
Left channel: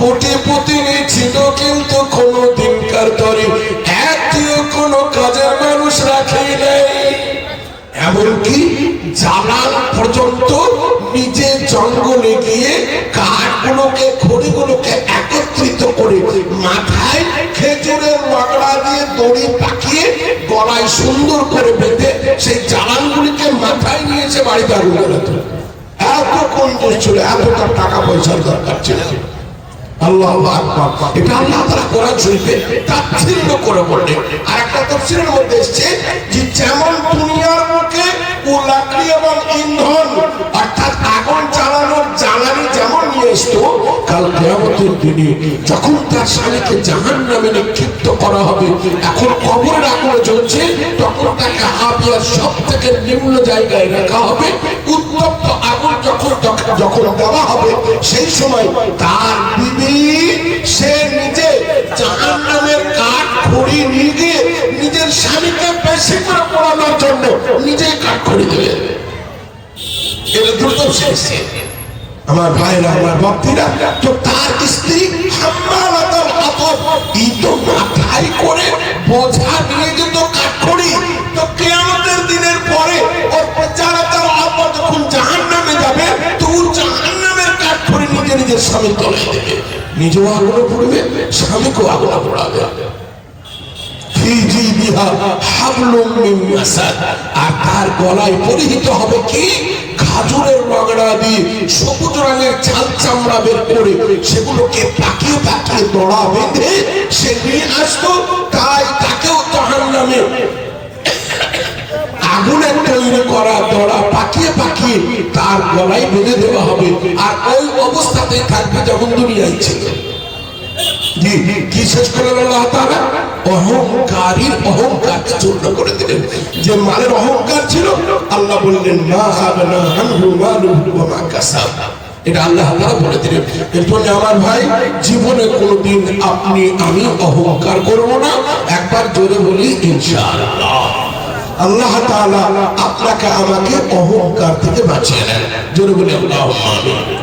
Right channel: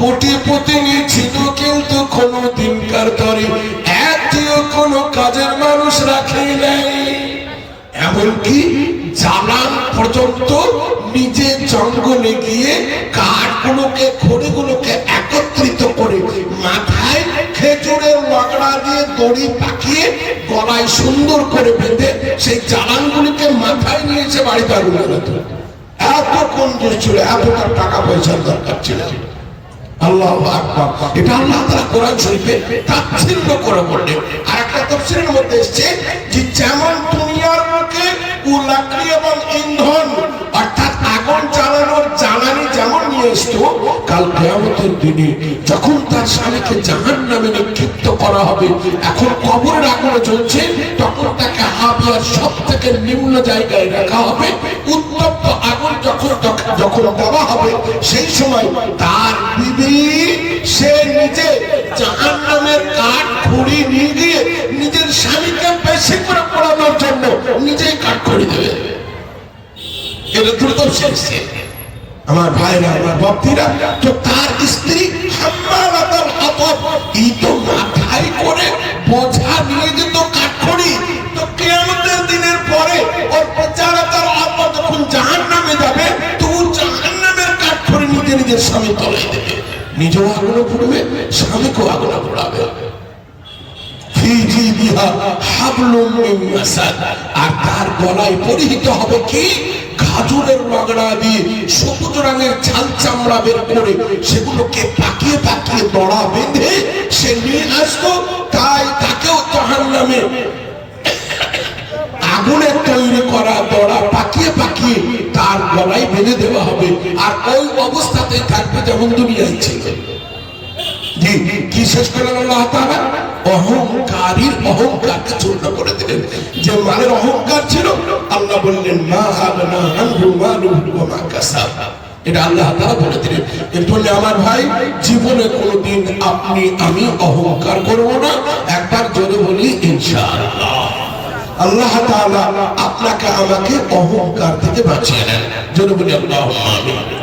কোটিপতি ছিল কিন্তু কোনো দিনকার তরে এতিও কোনো কাজের মানুষ রাখে নাই। এমনকি জানান পর্যন্ত নিজে জঙ্গলে গিয়ে কাঠগুলোকে, খড়িগুলোকে একত্রিত করে মাথায় খেজুরের লগড়া দিয়ে দড়ি পাকিয়ে গলায় সুন্দর করে বেঁধে সেই জ্বালানগুলিকে মাথায় নিয়েছে বাড়িতে আগুন জ্বালাতো। এত কঞ্জুস ছিল, এতটা টাকা পয়সার দরকার ছিল। আল্লাহু আকবার। এটা আল্লাহ তাআলা কোরআন শরীফে তাফসীর করে বলেন। আর একটা তাফসীরের মধ্যে এসেছে যে যেমন দুনিয়ার মুখে লাকড়ি এবং ইন্ধন অর্থাৎ আগুন জ্বালানোর জ্বালানি যেমন নিয়ে আসতো, কাল কিয়ামতের দিনে যখন তার স্বামীকে জাহান্নামে নিক্ষিপ্ত করা হবে, এখন কবরের আগুনে জ্বলছে, তখন তাকে হাবিয়ার সব থেকে নিম্ন জায়গায় রাখা হবে। উত্তপ্ত আগুন যখন দেওয়া হবে, সেই সময় তার বিবি সে নিজে জাহান্নামের কাঠ খড়ি নিয়ে গিয়ে নিজের স্বামীকে বেশি করে পোড়ানোর জন্য নিজেই কাঠ খড়ি দেবে। এটা দ্রুত শেষ। আমার ভাইরা, আমার ভক্তরা, তো তার স্ত্রী হাম্মালাতুল হাতাব ইতো মাথায় করে বোঝা নিয়ে যেত কাঠখড়ি। তো কিয়ামতের দিনের পরে ওর বেচারা তার আপা যখন জাহান্নামে যাবে, তো জাহান্নামের কাঠখড়ি নিজে নিজের স্বামী তলায় দেবে, নিজেও আগুনে পড়বে, স্বামীকেও আগুনে পড়াবে। আর তার গলায় পরিহিত হবে কি খাজুরের লগড়া দিয়ে সবুজ রঙের ছাল চামড়া বের করে সেগুলোকে পাকিয়ে পাকিয়ে দড়া বেঁধে সে নিয়ে আসতো। তাই তাকেও জাহান্নামে আগুনের তৈরি করা দড়া পাকিয়ে পাকিয়ে তার গলায় বেঁধে দেওয়া হবে। আর ওই অবস্থাতেই থাকবে যেমন দুনিয়ায় ছিল। কি শেষ করলেন আল্লাহ তাআলা? অহংকারীর অহংকারকে চূর্ণ করে দিলেন। যে মালের অহংকার ছিল, আল্লাহ বললেন মা আগনা আনহু মালুহু ওয়া মা কাসাব। এটা আল্লাহ তাআলা বলে দিলেন। এরপরে আমার ভাই, জীবনে কোনোদিন আপনি আমি অহংকার করব না। একবার জোরে বলি ইনশাআল্লাহ। আল্লাহ তাআলা আপনাকে আমাকে অহংকার থেকে বাঁচিয়ে নেন। জোরে বলি আল্লাহুম্মা আমিন।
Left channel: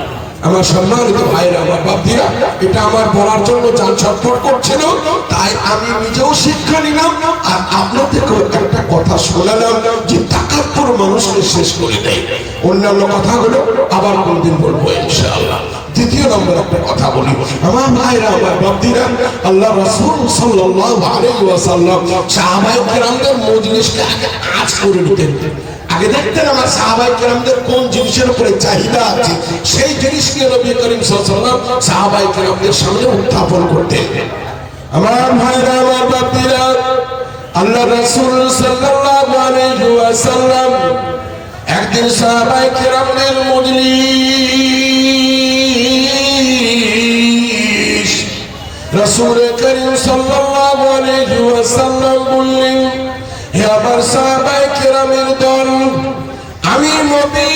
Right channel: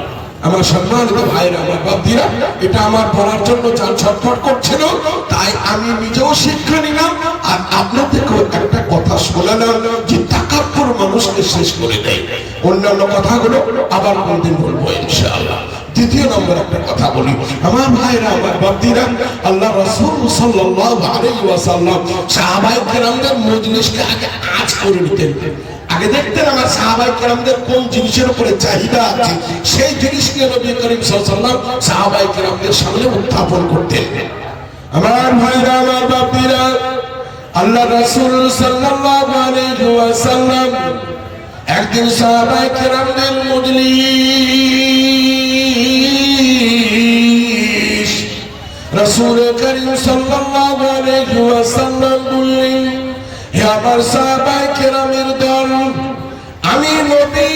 আমার সম্মানিত ভাইরা, আমার বাপজিরা, এটা আমার বলার জন্য যান ছটফট করছিল, তাই আমি নিজেও শিক্ষা নিলাম আর আপনাদেরকেও একটা কথা শোনালাম যে তাকাব্বুর মানুষকে শেষ করে দেয়। অন্যান্য কথাগুলো আবার কোনদিন বলবো ইনশাআল্লাহ। দ্বিতীয় নম্বর একটা কথা বলি, আমার ভাইরা, আমার বাপজিরা, আল্লাহ রাসূল সাল্লাল্লাহু আলাইহি ওয়াসাল্লাম সাহাবায়ে কেরামদের মজলিসকে আগে কাজ করে নিতেন। আগে দেখতেন আমার সাহাবায়ে কেরামদের কোন জিনিসের উপরে চাহিদা আছে, সেই জিনিসকে নবী করিম সাল্লাল্লাহু আলাইহি ওয়াসাল্লাম সাহাবায়ে কেরামদের সামনে উত্থাপন করতেন। আমার ভাইরা, আমার বাপজিরা, আল্লাহ রাসূল সাল্লাল্লাহু আলাইহি ওয়াসাল্লাম একদিন সাহাবায়ে কেরামদের মজলিস রাসূল করিম সাল্লাল্লাহু আলাইহি ওয়াসাল্লাম বললেন, হে আমার সাহাবায়ে কেরামের দল, আমি নবী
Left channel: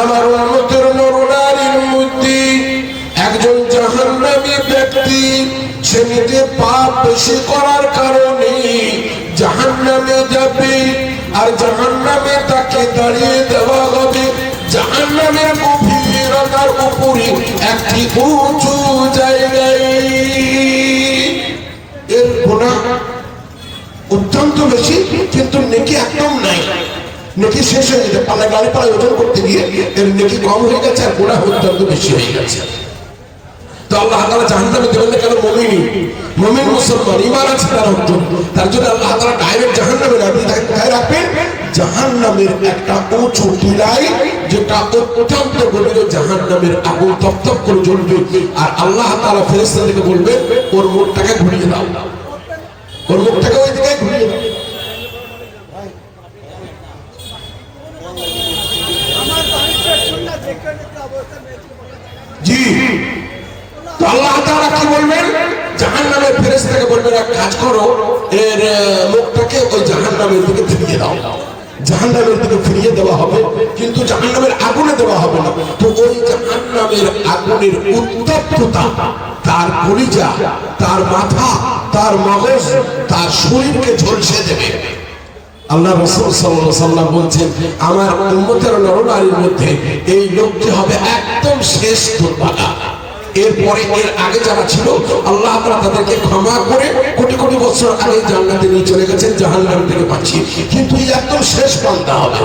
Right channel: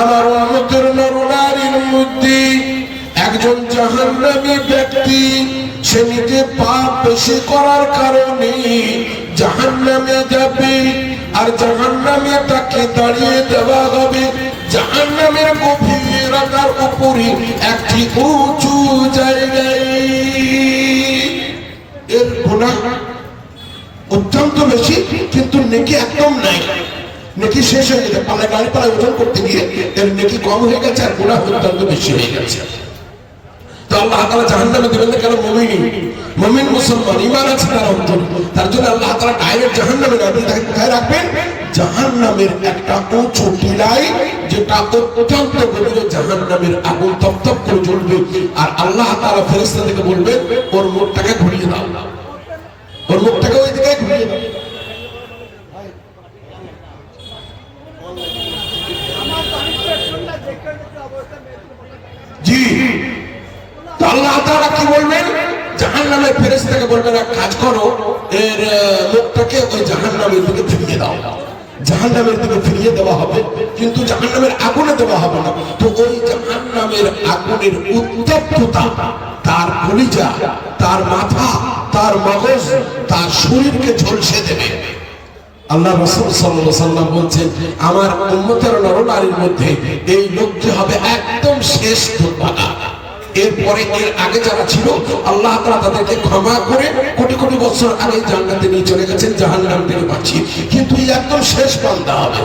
আমার উম্মতের নরনারীর মধ্যে একজন জাহান্নামী ব্যক্তি, সে নিজে পাপ বেশি করার কারণে জাহান্নামে যাবে। আর জাহান্নামে তাকে দাঁড়িয়ে দেওয়া হবে জাহান্নামের গভীরতার উপরে একটি উঁচু জায়গায়। এর গুনাহ অত্যন্ত বেশি, কিন্তু নেকি একদম নাই। নেকি শেষ হয়ে গেছে, পালা গাড়ি পালা ওজন করতে গিয়ে এর নেকি কম হয়ে গেছে আর গুনাহ অত্যন্ত বেশি হয়ে গেছে। তো আল্লাহ তাআলা জাহান্নামে দেবেন না কেন? মুমিন মুসলমান ঈমান আছে তার অন্তর, তার জন্য আল্লাহ তাআলা ডাইরেক্ট জাহান্নামে না দিয়ে কোথায় রাখবেন? জাহান্নামের একটা উঁচু টিলাই, যেটা অত্যন্ত গভীর, জাহান্নামের আগুন তপ্তপ করে জ্বলবে। আর আল্লাহ তাআলা ফেরেশতাদেরকে বলবেন ওর মুখটাকে ঘুরিয়ে দাও, ওর মুখটাকে ওই দিকে ঘুরিয়ে দাও। জি, আল্লাহ তাআলা কি বলবেন? জাহান্নামের ফেরেশতাকে বলবেন এক কাজ করো, এর মুখটাকে ওই জাহান্নামের দিকে ফিরিয়ে দাও। জাহান্নামের দিকে ফিরিয়ে দেওয়া হবে, কিন্তু জাহান্নামের আগুনে দেওয়া হবে না। তো ওই জাহান্নামের আগুনের উত্তপ্ততা তার কলিজা, তার মাথা, তার মগজ, তার শরীরকে ঝলসে দেবে। আল্লাহ রাসূল সাল্লাল্লাহু আলাইহি ওয়াসাল্লাম বলছেন, আমার উম্মতের নরনারীর মধ্যে এই লোকটি হবে একদম শেষ দুর্ভাগা। এরপরে এর আগে যারা ছিল আল্লাহ তাআলা তাদেরকে ক্ষমা করে কোটি কোটি বছর আগে জান্নাতে নিয়ে চলে গেছেন, জাহান্নাম থেকে বাঁচিয়ে। কিন্তু এই একদম শেষ বান্দা হবে।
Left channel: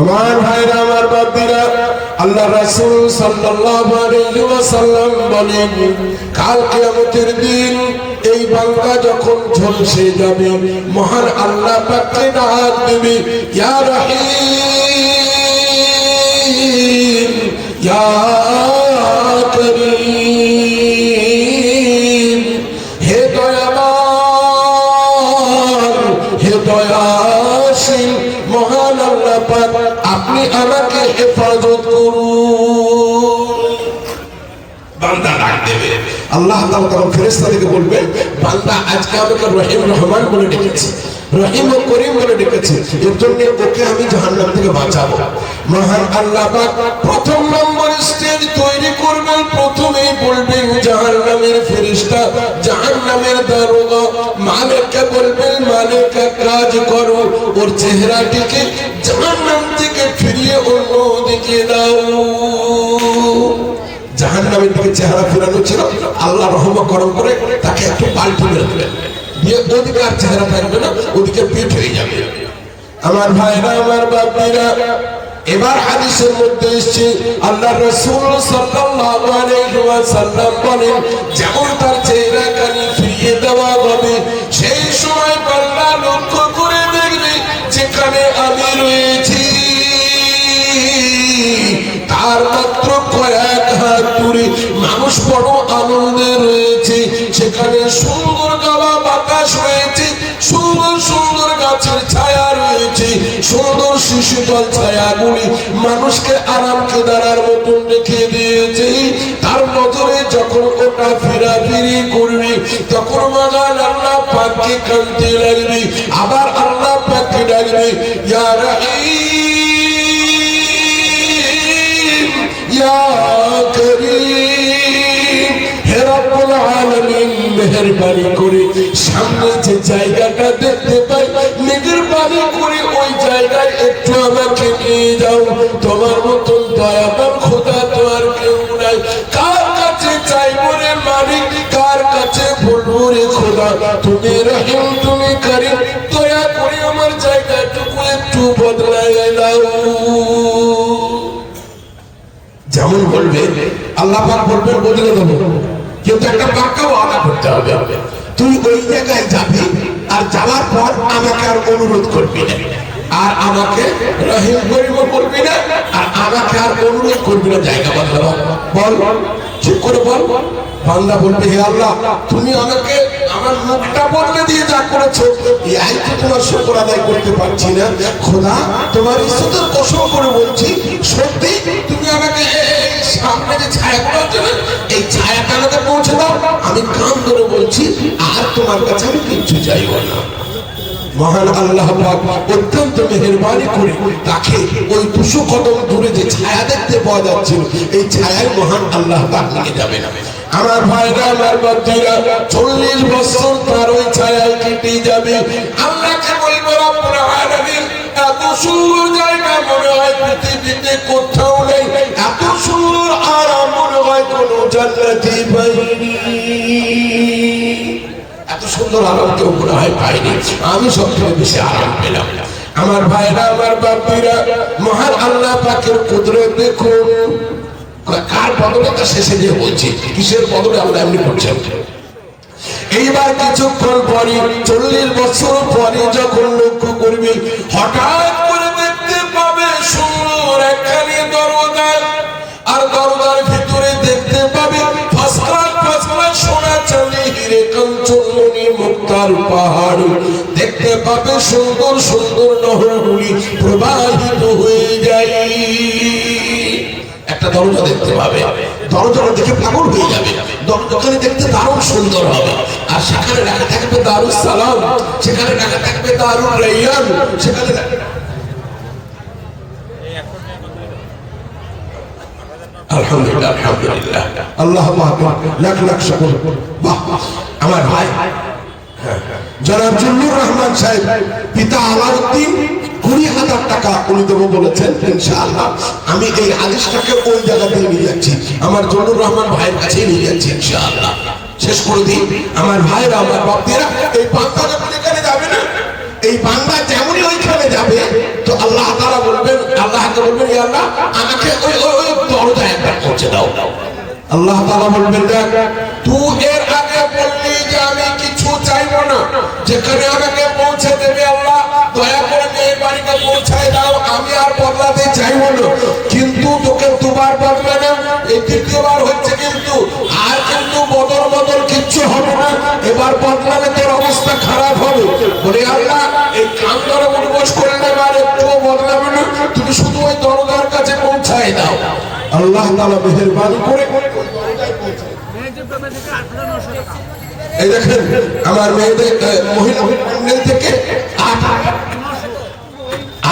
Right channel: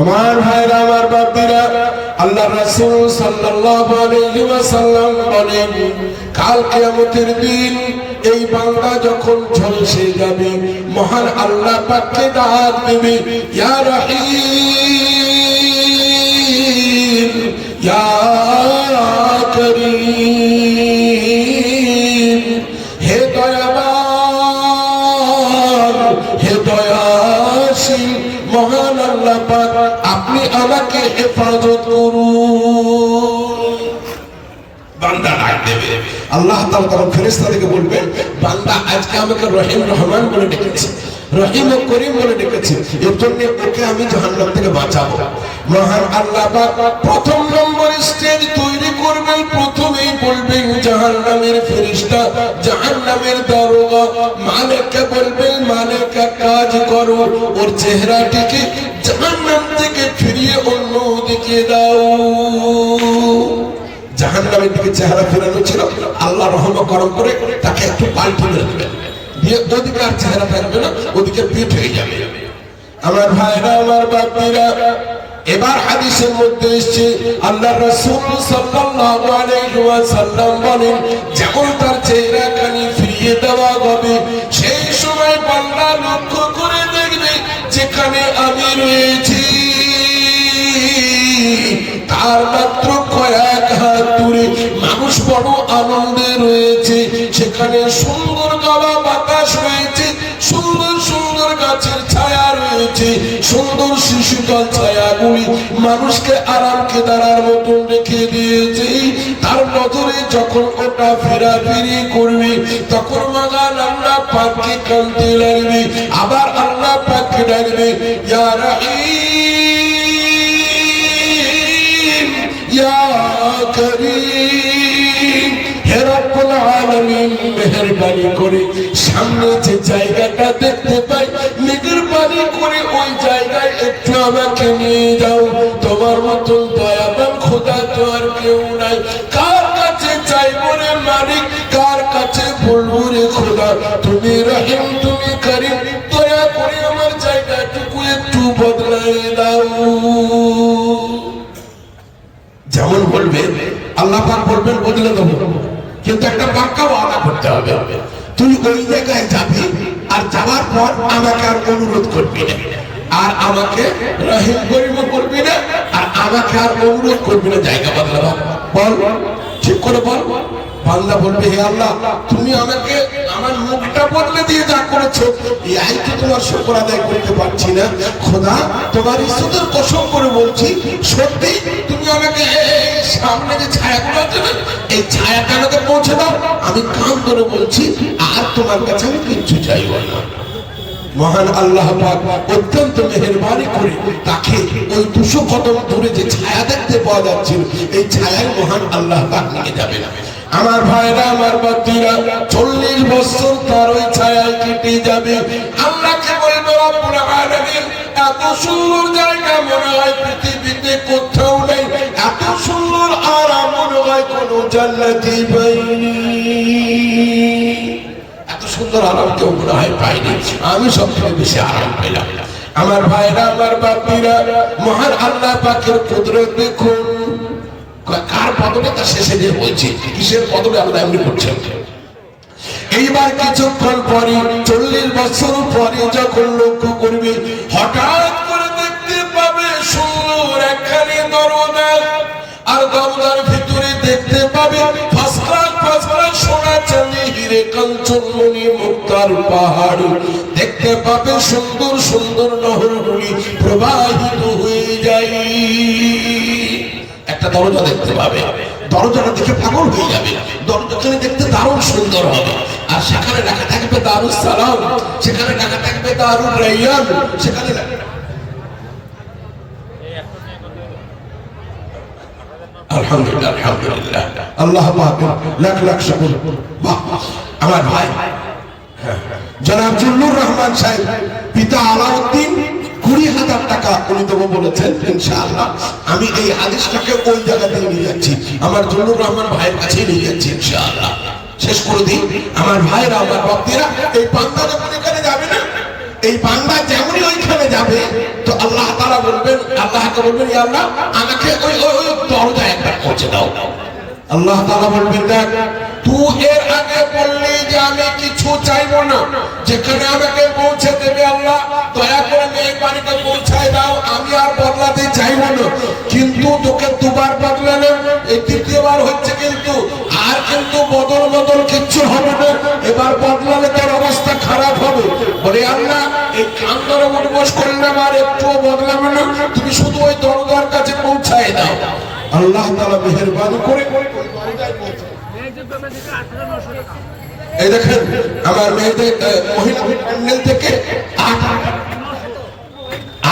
আমার ভাইরা, আমার বাবারা, আল্লাহ রাসূল সাল্লাল্লাহু আলাইহি ওয়াসাল্লাম বলেন, কাল কিয়ামতের দিন এই বান্দা যখন ঝলসে যাবে, মহান আল্লাহ পাককে ডাক দেবে, ইয়া রহিম ইয়া করিম, হে দয়াবান হে দয়াশীল মহান আল্লাহ পাক, আপনি আমাকে হেফাজত করুন। বান্দা ডাক দেবে, আল্লাহ তাআলা তখন ফেরেশতাদেরকে বলবেন, বান্দা আজকে আমাকে রহিম রহমান বলে ডেকেছে, রহিম ও করিম বলে ডেকেছে, এর জন্য ওকে আমি জাহান্নাম থেকে বাঁচাবো। মহান আল্লাহ পাক প্রথম নম্বর স্টেজ তৈরি করবেন, প্রথমেই বলবেন জাহান্নামের ফেরেশতা, জাহান্নামের দারোগা মালিককে বলবেন, মালিক এক কাজ করো, ওর চেহারাটিকে জাহান্নাম থেকে ফিরিয়ে অন্য দিকে দাও। জাহান্নামের দিকে চেহারা ফেরানো ছিল, আল্লাহ রহম করম করে তাকে একটু পাল্টি মেরে দেবেন, দিয়ে ওদিকে আর চেহারা থাকবে না, ওদিকে পিঠ হয়ে যাবে। আমার ভাইরা আমার বাপীরা, এবার হাদিসের মধ্যে এসেছে আল্লাহ রাসূল সাল্লাল্লাহু আলাইহি ওয়াসাল্লাম বলেন, যেমন তার চেহারা কানি ফিরিয়ে দেওয়া হবে, সেই সময় বান্দা লক্ষ্য করে দেখবে যেখানে আমি রয়েছি তার মাত্র কয়েক হাত দূরে মানুষ বড় আনন্দে রয়েছে, সেখানে সুন্দর গাওয়া বাতাস রয়েছে, সুন্দর সুন্দর গাছের ছায়া রয়েছে, সুন্দর শিশুতল ছায়াগুলি মানুষকে আরাম কেদারার মতন রেখে দিয়েছে। তার নজরে যখন ওটা ফেরাফিরি করবে, তখন মহান আল্লাহ পাককে কাঁদতে লাগবে, আবার আল্লাহ পাককে ডাকবে, ইয়া রাহিম ইয়া করিম, হে রব্বুল আলামিন মেহেরবানি করে সামনে যে জায়গাটা দেখতে পাই, মেহেরবানি করে ওই জায়গায় একটু আমাকে নিয়ে যাও। তোমার মতন দয়াবান খোদা তো আর কেউ নাই, কার কাছে চাইবো রে মালিক, কার কাছে বলবো রে খোদা, তুমি রহিম তুমি করিম, দয়া করে আমার জায়গাটুকু একটু বদলাই দাও। যেমন বলবে আল্লাহ পাক বলবেন বদলে দেবো, কিন্তু একটা বাক্যা ওয়াদা করতে হবে, তুই ওই জায়গায় যাবি আর যাওয়ার পর আমাকে আর অনুরোধ করবি না, আর আমাকে রহিম করিম করবি না, আর আমাকে আর অনুরোধ করবি না জায়গা বদলাবো। বল ঠিক করে বল। বান্দা বলবে, হে আল্লাহ তুমি আমাকে আমার মুখটা বদলে দিয়ে যা করেছো, এই তো তোমার শুকর আদায় করতে পারছি না খোদা, তোমার ইজ্জতের কসম করে বলছি, সত্যি তুমি আমাকে সামনে যে ছায়াগুলো আছে না, এই ছায়াটা আমাকে পৌঁছে দাও। আমি কান ধরে বলছি, আর তোমার কাছে আমি কিচ্ছু চাইব না। মহান আল্লাহ পাক অত্যন্ত মেহেরবানি করে তাকে ওই 200 কদম দূরে যে ছায়া দেখতে পাওয়া যাচ্ছে, এই ছায়ায় মহান আল্লাহ পাক নিয়ে যাবে না। আমার ভাইরা আমার বাচ্চারা, 40 বছর তার ওই ছায়ায় কেটে যাবে। আল্লাহকে বলবো, রব্বুল আলামিন এত সুন্দর জায়গা মনে হয় পৃথিবীতে কোথাও নেই, এত সুন্দর আরাম মনে হয় কোনো জান্নাতে পাইনি, এত সুন্দর আরাম কেউ মনে হয় পাইনি, আমি সবথেকে বেশি আরাম পেলাম। আমার ভাইরা আমার বাপীরা, মহান আল্লাহ পাকের কুদরত দেখুন। কার বদলে তা শেষে গিয়ে বলছি, কিসের বদলে আল্লাহ এমনি করছেন। এইবার কিছুক্ষণ পরে 40 বছর পরে যখন লক্ষ্য করবে, হঠাৎ করে দেখতে পাবে সুন্দর একখানি দরজা, আর দরজার ভিতরে দেখতে পাবে ফসফরাস ফসফরাস সোনা চাঁদি হিরে কাঞ্চন মণি মুক্তার পাহাড়, দেখতে পাবে সুন্দর সুন্দর নহরগুলি প্রবাহিত হয়ে যায়। একটা দরজা দেখতে পাবে, দরজাটা দেখে পাগল হয়ে যাবে, দরজাখানে দেখতে দারুণ সুন্দর হবে, আর সেখানে লেখা থাকবে দারুস সালাম, সেখানে লেখা থাকবে দারুল রাইয়ান, সেখানে আলহামদুলিল্লাহ আলহামদুলিল্লাহ আল্লাহ লাখ লাখ শুকর। বাহ, আমার ভাই জনাব জুল্লুর রহমান সাহেব পিতা আলাউদ্দিন 20,000 টাকা উনি দেবো বলেছেন, ইনশাআল্লাহ আমি এই আদেশটাকে ওই জায়গাতে নিয়ে যাচ্ছি, আমার জুল্লুর রহমান ভাইয়ের কাছে নিয়ে যাচ্ছি ইনশাআল্লাহ। শেষ করে দিন আমার ভাইরা আমার বাপেরা, এই বান্দা যখন এখানে যাবে না, এই বান্দা যেমনই ওইখানে যাবে তো আল্লাহ তাআলা বলবেন, আল্লাহকে বলবেন, ইয়া আল্লাহ আমাকে ওই ওই দরজায় একটা পৌঁছে দাও। আল্লাহ তাআলা বলবেন, দেখ তুই এর আগে বললি যে আমি কিছু চাইবো না, যেখানে আমাকে পৌঁছে দেবে আল্লাহ দয়া করে এই বাড়িতে পৌঁছায় দাও, আমি আর বদলাতে চাইবো না। কিন্তু তোকে দুবার বদলালাম, এই তৃতীয়বার হচ্ছে কিন্তু আর কিন্তু বদল কিচ্ছু হবে না, এবার বদলালে তোর অবস্থা খারাপ হবে। বলে আল্লাহ এই কান ধরে উঠবোস করলাম আর একটুও বদলাবে না, তুমি শুধু ওই দরজার কাছে পৌঁছায় দাও। আল্লাহ তাআলা মেহেরবানি করে এই দেখেন আমার মেয়েদের মহিলা প্যান্ডেল থেকে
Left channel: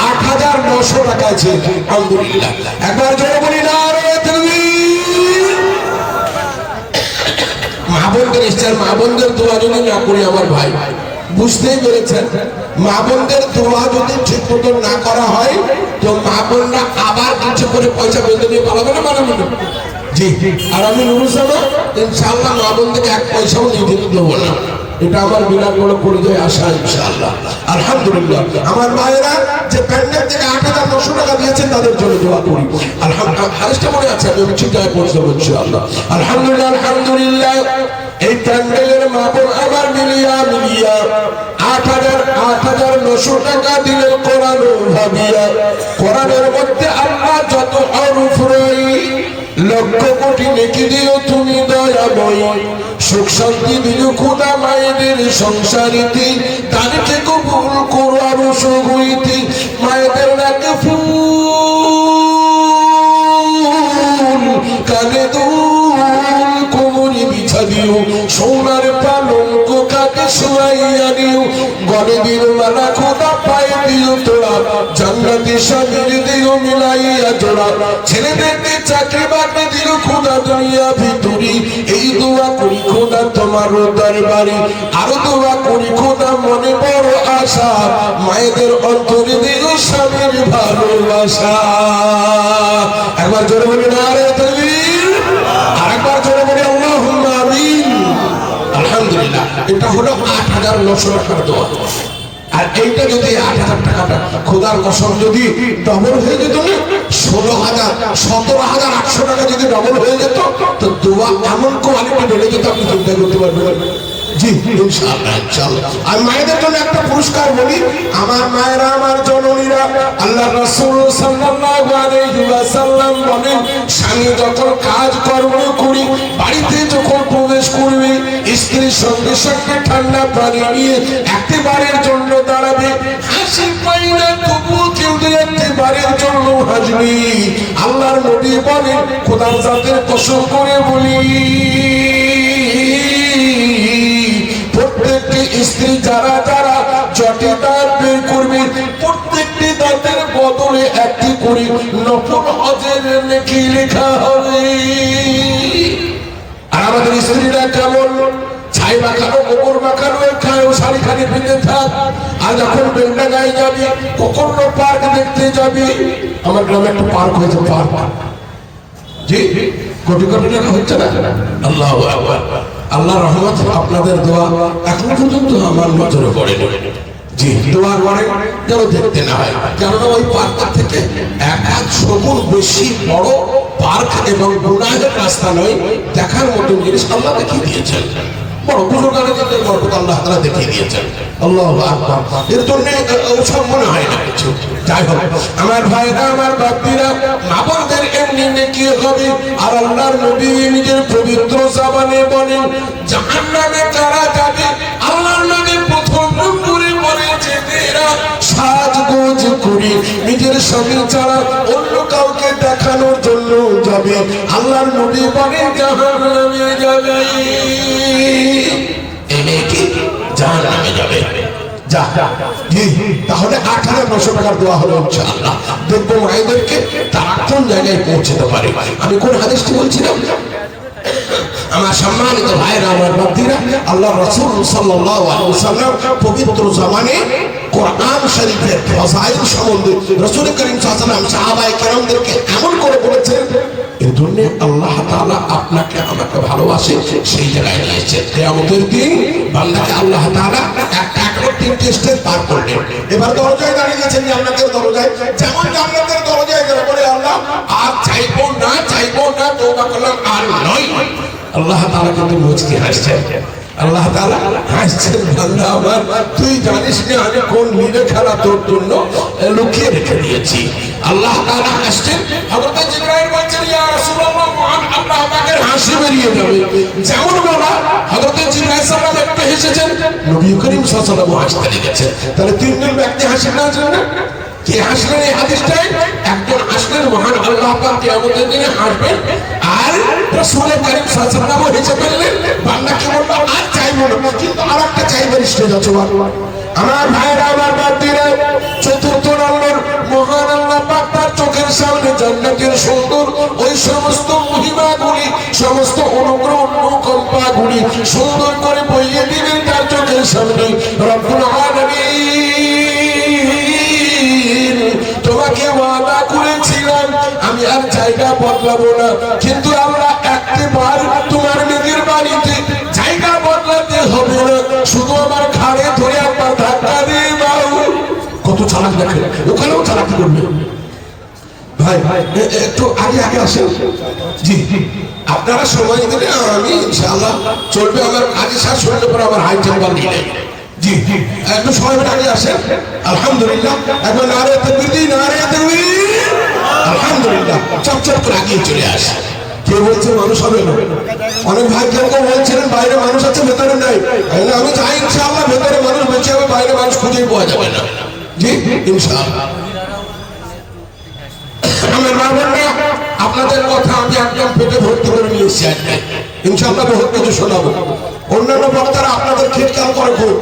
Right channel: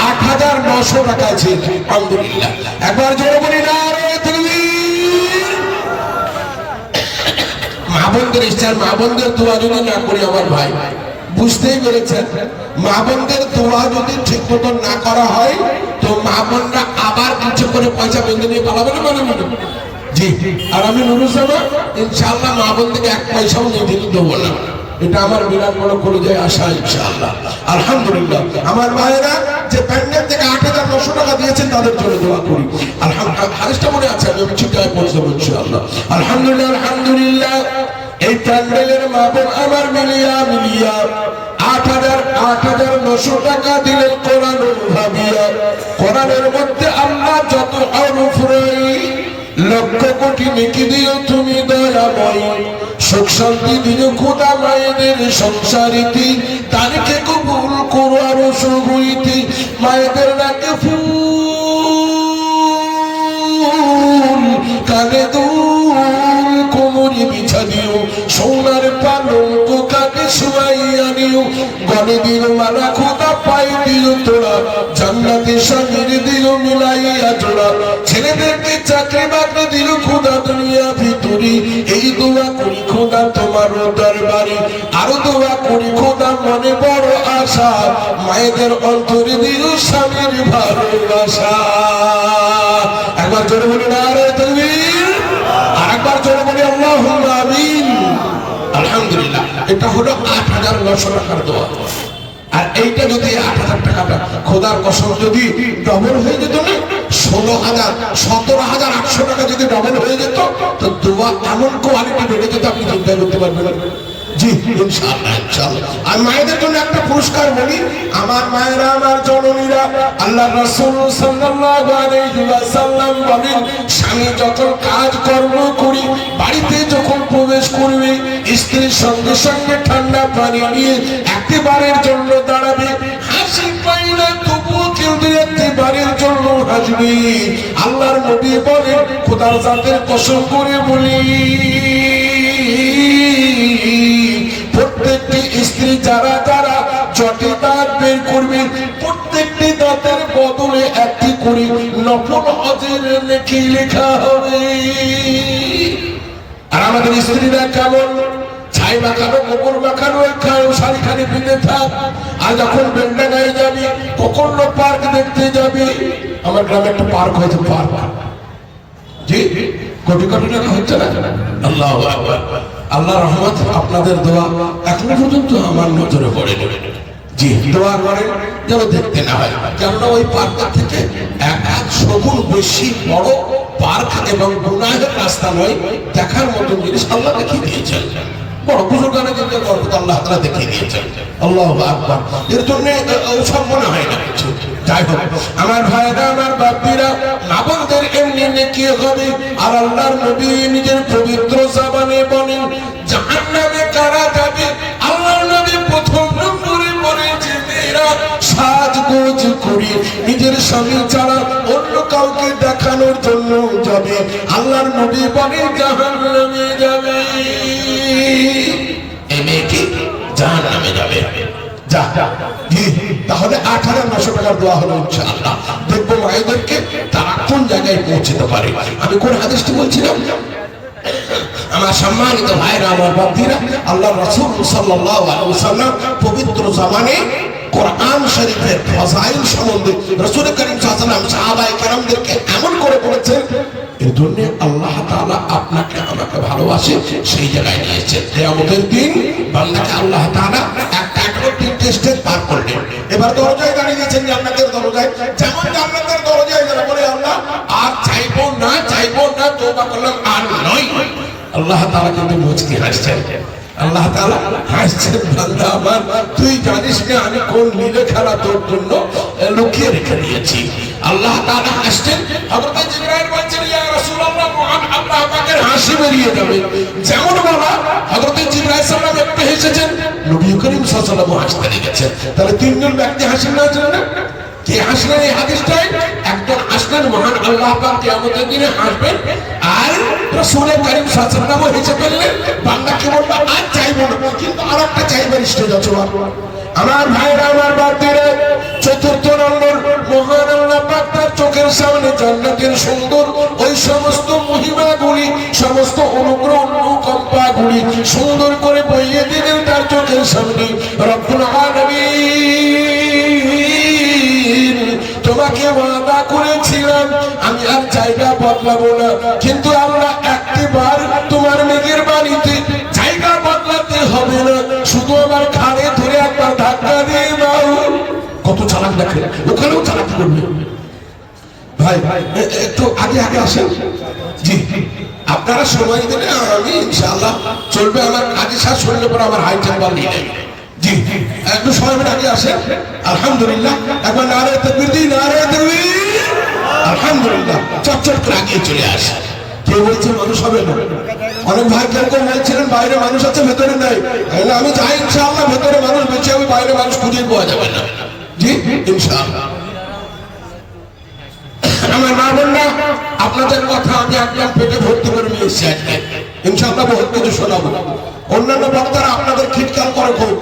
8,900 টাকা আছে। আলহামদুলিল্লাহ, একবার জোরে বলি নারে তাকবীর। মা বোনদের ইচ্ছা, মা বোনদের দোয়া যদি না করি আমার ভাই বুঝতেই পেরেছেন, মা বোনদের দোয়া যদি ঠিক মতো না করা হয় তো মা বোনরা আবার কিছু করে পয়সা বেঁধে নিয়ে পালাবে না, মানে মনে জি। আর আমি নুরুল সাহেব ইনশাআল্লাহ মা বোনদেরকে এক পয়সাও নিয়ে দেবো না, এটা আমার বিরাট বড় করে যায় আশা ইনশাআল্লাহ। আলহামদুলিল্লাহ, আমার মায়েরা যে প্যান্ডেল থেকে 8,900 টাকা দিয়েছেন তাদের জন্য দোয়া করি। আলহামদুলিল্লাহ, আরেকটা মনে আছে আমি ঠিকঠাক বলছি ইনশাআল্লাহ। আলহামদুলিল্লাহ আলহামদুলিল্লাহ, এই প্যান্ডেলের মা বোন আমার মিলিয়া 8,900 টাকা দিলেন কোরআন ভাবিয়া। কোরআনের মধ্যে আল্লাহ যত হরফ লক্ষ কোটি নেকি দিল তুমি দয়াময়, সুখ শান্তি দিল খোদা মায়েদের সংসারিতে, তারিখে কবুল করো আরো সুখ হইতে, মায়েদের ডাকে ফুল কানে দুল কোমরে বিছা দিও, সোনার পালঙ্ক কাকে শোয়াইয়া দিও, গলে দিল নানা খোদা পায়ে দিও তোরা, জান্নাতে স্বামীর দিল মিলাইয়া জোড়া, ছেলেদেরকে চাকরি বাকরি দিল খোদা দুনিয়া ভিতরি। এই দোয়া করি খোদা তোমার দরবারে, আরো দোয়া করি খোদা মনে বড় আশা, মায়েদের অন্তরে দিল স্বামীর ভালোবাসা। একবার জোরে বলি নারে তাকবীর, আরেকবার জোরে বলি আল্লাহুম্মা আমিন। আলহামদুলিল্লাহ, এটা হলো 8,900 টাকার দোয়া। আর এইটা যদি 8,000 টাকাটা খোদার কসম যদি ডবল হয়ে যেত না, 17,800 টাকা যদি ডবল হয়ে যেত তো দোয়া এমন কোয়ালিটি বেড়ে যেত আপনি চিন্তা করতে পারবেন। জি ইনশাআল্লাহ ইনশাআল্লাহ। আর মায়েদের জন্য একটা পুরস্কার বলি, আমার মায়েরা আমার জননীরা, আল্লাহ রাসূল সাল্লাল্লাহু আলাইহি ওয়াসাল্লাম বলেন, স্বামী যখন কাজ কর্ম করি বাড়িতে যখন প্রবেশ করবে স্ত্রীর সঙ্গে সঙ্গে ঠান্ডা পানি নিয়ে একবারের জন্য দাঁড়াবে, হাসি পাই না তবুও কিন্তু একবারের জন্য হাসবে। আল্লাহর নবী বলেন, খোদার জাতের কসম করে বলি প্রত্যেকটি স্ত্রী যারা যারা জটে দাঁত বের করবে প্রত্যেকটি দাঁতের বদলে একটি করে নফল হজের নেকি লেখা হবে। আর আমাদের স্ত্রীরা কেমন ছাই মাখানো গোবর মাখানো খায়, শাড়ি খানি পিঁধে থাক, আর যখন বেলনা গায়ে যাবি কখন পার্ক দেখতে যাবি, আমার গ্রামে একটা পার্ক হয়েছে, পার্ক জি কোটি কোটি টাকা হচ্ছে না। আল্লাহু আকবার, আল্লাহ রহমত, আপনাদের দোয়া এখনো পর্যন্ত আমার নজরে পড়ে জি। দোয়া করে যেন দেখতে না হয়, কেননা ওই পার্কের থেকে 100 গুণ বেশি বড় পার্ক এবং গুনাহের রাস্তা নয়, দেখার মতো জিনিস আল্লাহ দেখিয়ে দিয়েছেন। বড় বুজুর্গানের জন্য বরকত আল্লাহ তাআলা দেখিয়ে দিয়েছেন। আল্লাহু আকবার, এর জন্য ওসব মনে হয় না কিছু। যাই হোক আমার ভাইরা আমার বাপ্পিরা, আমাদের এমনি নেকি হবে। আর আল্লাহর নবী নিজের পবিত্র জবানে বলেন, জাহান্নামে কারা যাবে, আল্লাহর নবী প্রথম নম্বরে বলে যে মেয়েরা সাজগোজ করে নিজের স্বামী ছাড়া অন্য কাউকে দেখানোর জন্য যাবে, আল্লাহর নবী বলেন জাহান্নামে যাবে। এই মেয়েকে জাহান্নামে যাবে। তাহলে 8,900 টাকার দেওয়া হলো ইনশাআল্লাহ। দেখবো মায়েদেরকে তারা কোন জায়গায় পৌঁছতে পারে। আমি কোন হাদিসটি বলছিলাম, আমার সম্মানিত ভাইরা আমার বান্দিরা, আল্লাহ রাসূল সাল্লাল্লাহু আলাইহি ওয়াসাল্লাম পবিত্র জবানে কোরআন শরীফের ফজাইল সম্বন্ধে রাসূল করিম সাল্লাল্লাহু আলাইহি ওয়াসাল্লাম সাহাবায়ে কেরামদেরকে এমন করে বলেছেন, এই জন্য আল্লাহ তাআলা আপনাকে আমাকে ভালোবাসে, সেই জায়গায় নিয়েছেন। কিয়ামতের দিন বান্দাকে আল্লাহ তাআলা একটা করে তিনটে স্টেজ পার করলেন। এবার দরজায় দাঁড়িয়ে গেছেন জান্নাতের দরজায়। যেমন জান্নাতের দরজায় যারা বলে আল্লাহ আর চাইবো না তওবা করলাম আর নয়, আল্লাহ তাআলা কিন্তু মুচকি হাসছেন। আল্লাহ তাআলা হাসছেন, বান্দা আমার তুই জানিস না আমি কোন লীলা খেলা তোর জন্য লুকিয়ে রেখে দিয়েছি। আল্লাহ তাআলা হাসছেন। হযরত জিবরাইল বলছেন ইয়া রাসূলুল্লাহ মহান আল্লাহ আমাকে হাসি বেরিয়ে যাবে। যেমন বলা হযরত জিবরাইল সাল্লাল্লাহু আলাইহি ওয়াসাল্লাম হেসেছেন, নবী করিম সাল্লাল্লাহু আলাইহি ওয়াসাল্লাম হাসতে লেগেছেন। তাহলে তিনজন ব্যক্তি হাসেন না জানেন না? কে হাসলেন এই হাদিসটায়? একজন হাসলেন মহান আল্লাহ পাক কিয়ামতের দিনে হাসবেন, আর রাসূল করিম সাল্লাল্লাহু আলাইহি ওয়াসাল্লাম হেসে ফেললেন। বান্দাকে বলল আর চাইবো না, কিন্তু আরেকটা চাইবার স্টেজ আছে। আমার ভাইরা আমার বান্দিরা, চতুর্থ নম্বর মহান আল্লাহ পাক তার চোখের সামনে জান্নাতের সুন্দর ওই সমস্ত মহিমাগুলি, সমস্ত অনুগ্রহ অনুকম্পাগুলি সুন্দর করে বইয়ে দিবেন তার চোখের সামনে। রব্বুল আলামিন তোমাকে ওয়াদা করেছিলাম আমি আর জায়গা বদলাবো না, কিন্তু আমরা একবার তোমার নিজের বাড়িতে জায়গা বদলাতে হবে না, শুধু আমার ঘাড়ে ধরে একবার ধাক্কা দিয়ে দাও। কত চালাক দেখেন, ওখানেও চালাকি করবে। ভাই একটু আগে আসেন। জি আপনারা সময় দিলে আমি ইনশাআল্লাহ চলবে। আমার কাজে শেষ শুনলে পরে আমার হাই চেম্বার নিয়ে নেই। জি একটু সময় আগে আসেন। আলহামদুলিল্লাহ একবার নারে তাকবীর দিন, নারে তাকবীর। আলহামদুলিল্লাহ চপচপ করে আগিয়ে চলে আসে। কেউ বলছে মানুষ হবে না, অনেক ভাই কেউ বলছিলেন বাইরে মানুষ আছে ভেতরে নেই। আমি চাই ইনশাআল্লাহ ভেতরে মানুষ বেঁচে হবে, বাইরে মানুষ খুঁজে পাওয়া যাবে না। জি ইনশাআল্লাহ। আমার মা বোনরা আপনাদের কথা আমি একদম পেটে ভর্তি করে নিয়ে এসেছি আজকে। ইনশাআল্লাহ বহুত কিছু শোনাবো। অন্যান্য বক্তারা আপনাদের খিটকাল করে খুব,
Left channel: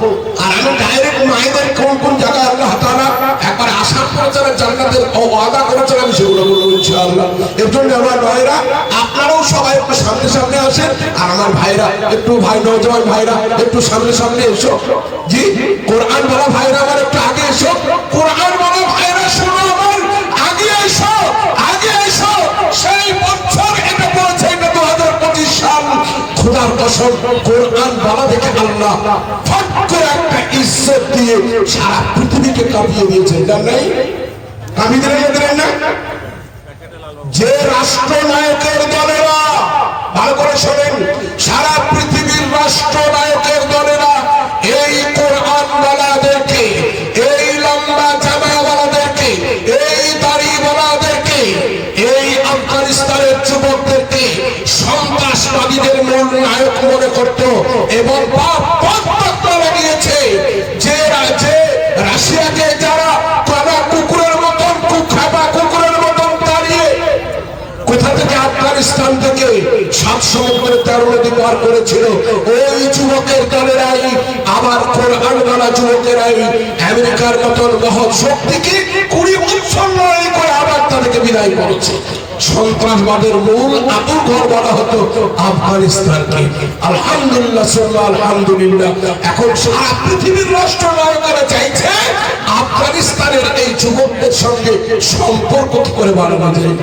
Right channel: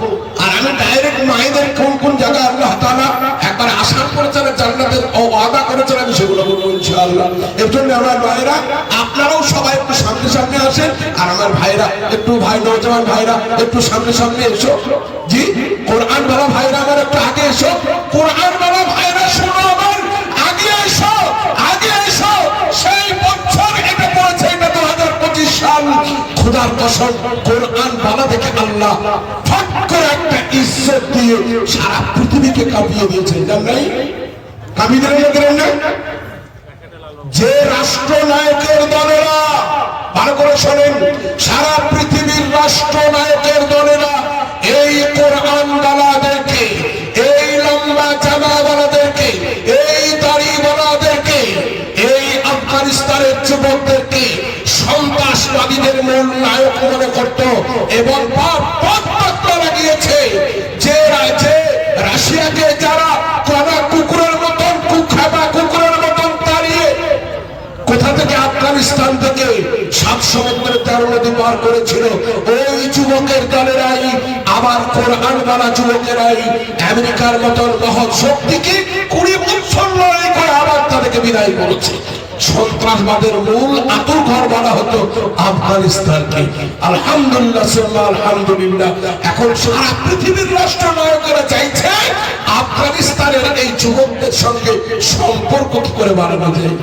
আর আমি ডাইরেক্ট মায়েদের কোন কোন জায়গায় আল্লাহ তাআলা একবার আশা করেছেন জান্নাতের ওয়াদা করেছেন আমি সেগুলো বলবো ইনশাআল্লাহ। এর জন্য আমার ভাইরা আপনারাও সবাই একটু সামনে সামনে আসেন, আর আমার ভাইরা একটু ভাই নওজওয়ান ভাইরা একটু সামনে সামনে এসো। জি কোরআন বলা ভাইরা আমার একটু আগে এসো। কোরআন বলা ভাইরা শোনো আমার আগে এসো, আগে এসো। সেই বছর এটা বলছে এটা 2025 সাল। খোদার কসম কোরআন বলা দেখে আল্লাহ ফট করে একটা ইজ্জত দিয়ে সারা পৃথিবীকে কাঁপিয়ে দিয়েছেন। জানেন কাঁপিয়ে দিলেন না? যে রাষ্ট্রনায়কের দলেরা, ভালো করে শোনেন, সারা পৃথিবীর রাষ্ট্রনায়কের দলেরা এই কোরআন বলাদেরকে, এই লম্বা জামা বলাদেরকে, এই দাড়ি বলাদেরকে, এই আফগানিস্তানের যুবকদেরকে সন্ত্রাসবাদীদের মূল নায়ক মনে করত এবং লাগিয়েছে। যে রাশিয়াকে যারা কলা কুকুরের মতন কুখাবা কুকুরের মতন দাঁড়িয়ে কোথা থেকে আফগানিস্তান থেকে 7 সমুদ্রের 13 নদী পার করেছিল, ওই যুবকের দলেরাই আবার কোরআন ওয়ালা যুবকেরাই আমেরিকার মতন মহৎ শক্তিকে 20 বছর লড়াই করে আবার তাদেরকে বিদায় করেছে। সন্ত্রাসবাদের মূল আতুর ঘর বলা হতো আফগানিস্তানকে। আলহামদুলিল্লাহ আলহামদুলিল্লাহ এখন সারা পৃথিবীর রাষ্ট্রনায়করা চাইছে আফগানিস্তানের এই যুবকদের সঙ্গে সম্পর্ক কি করে বাড়ানো যায়।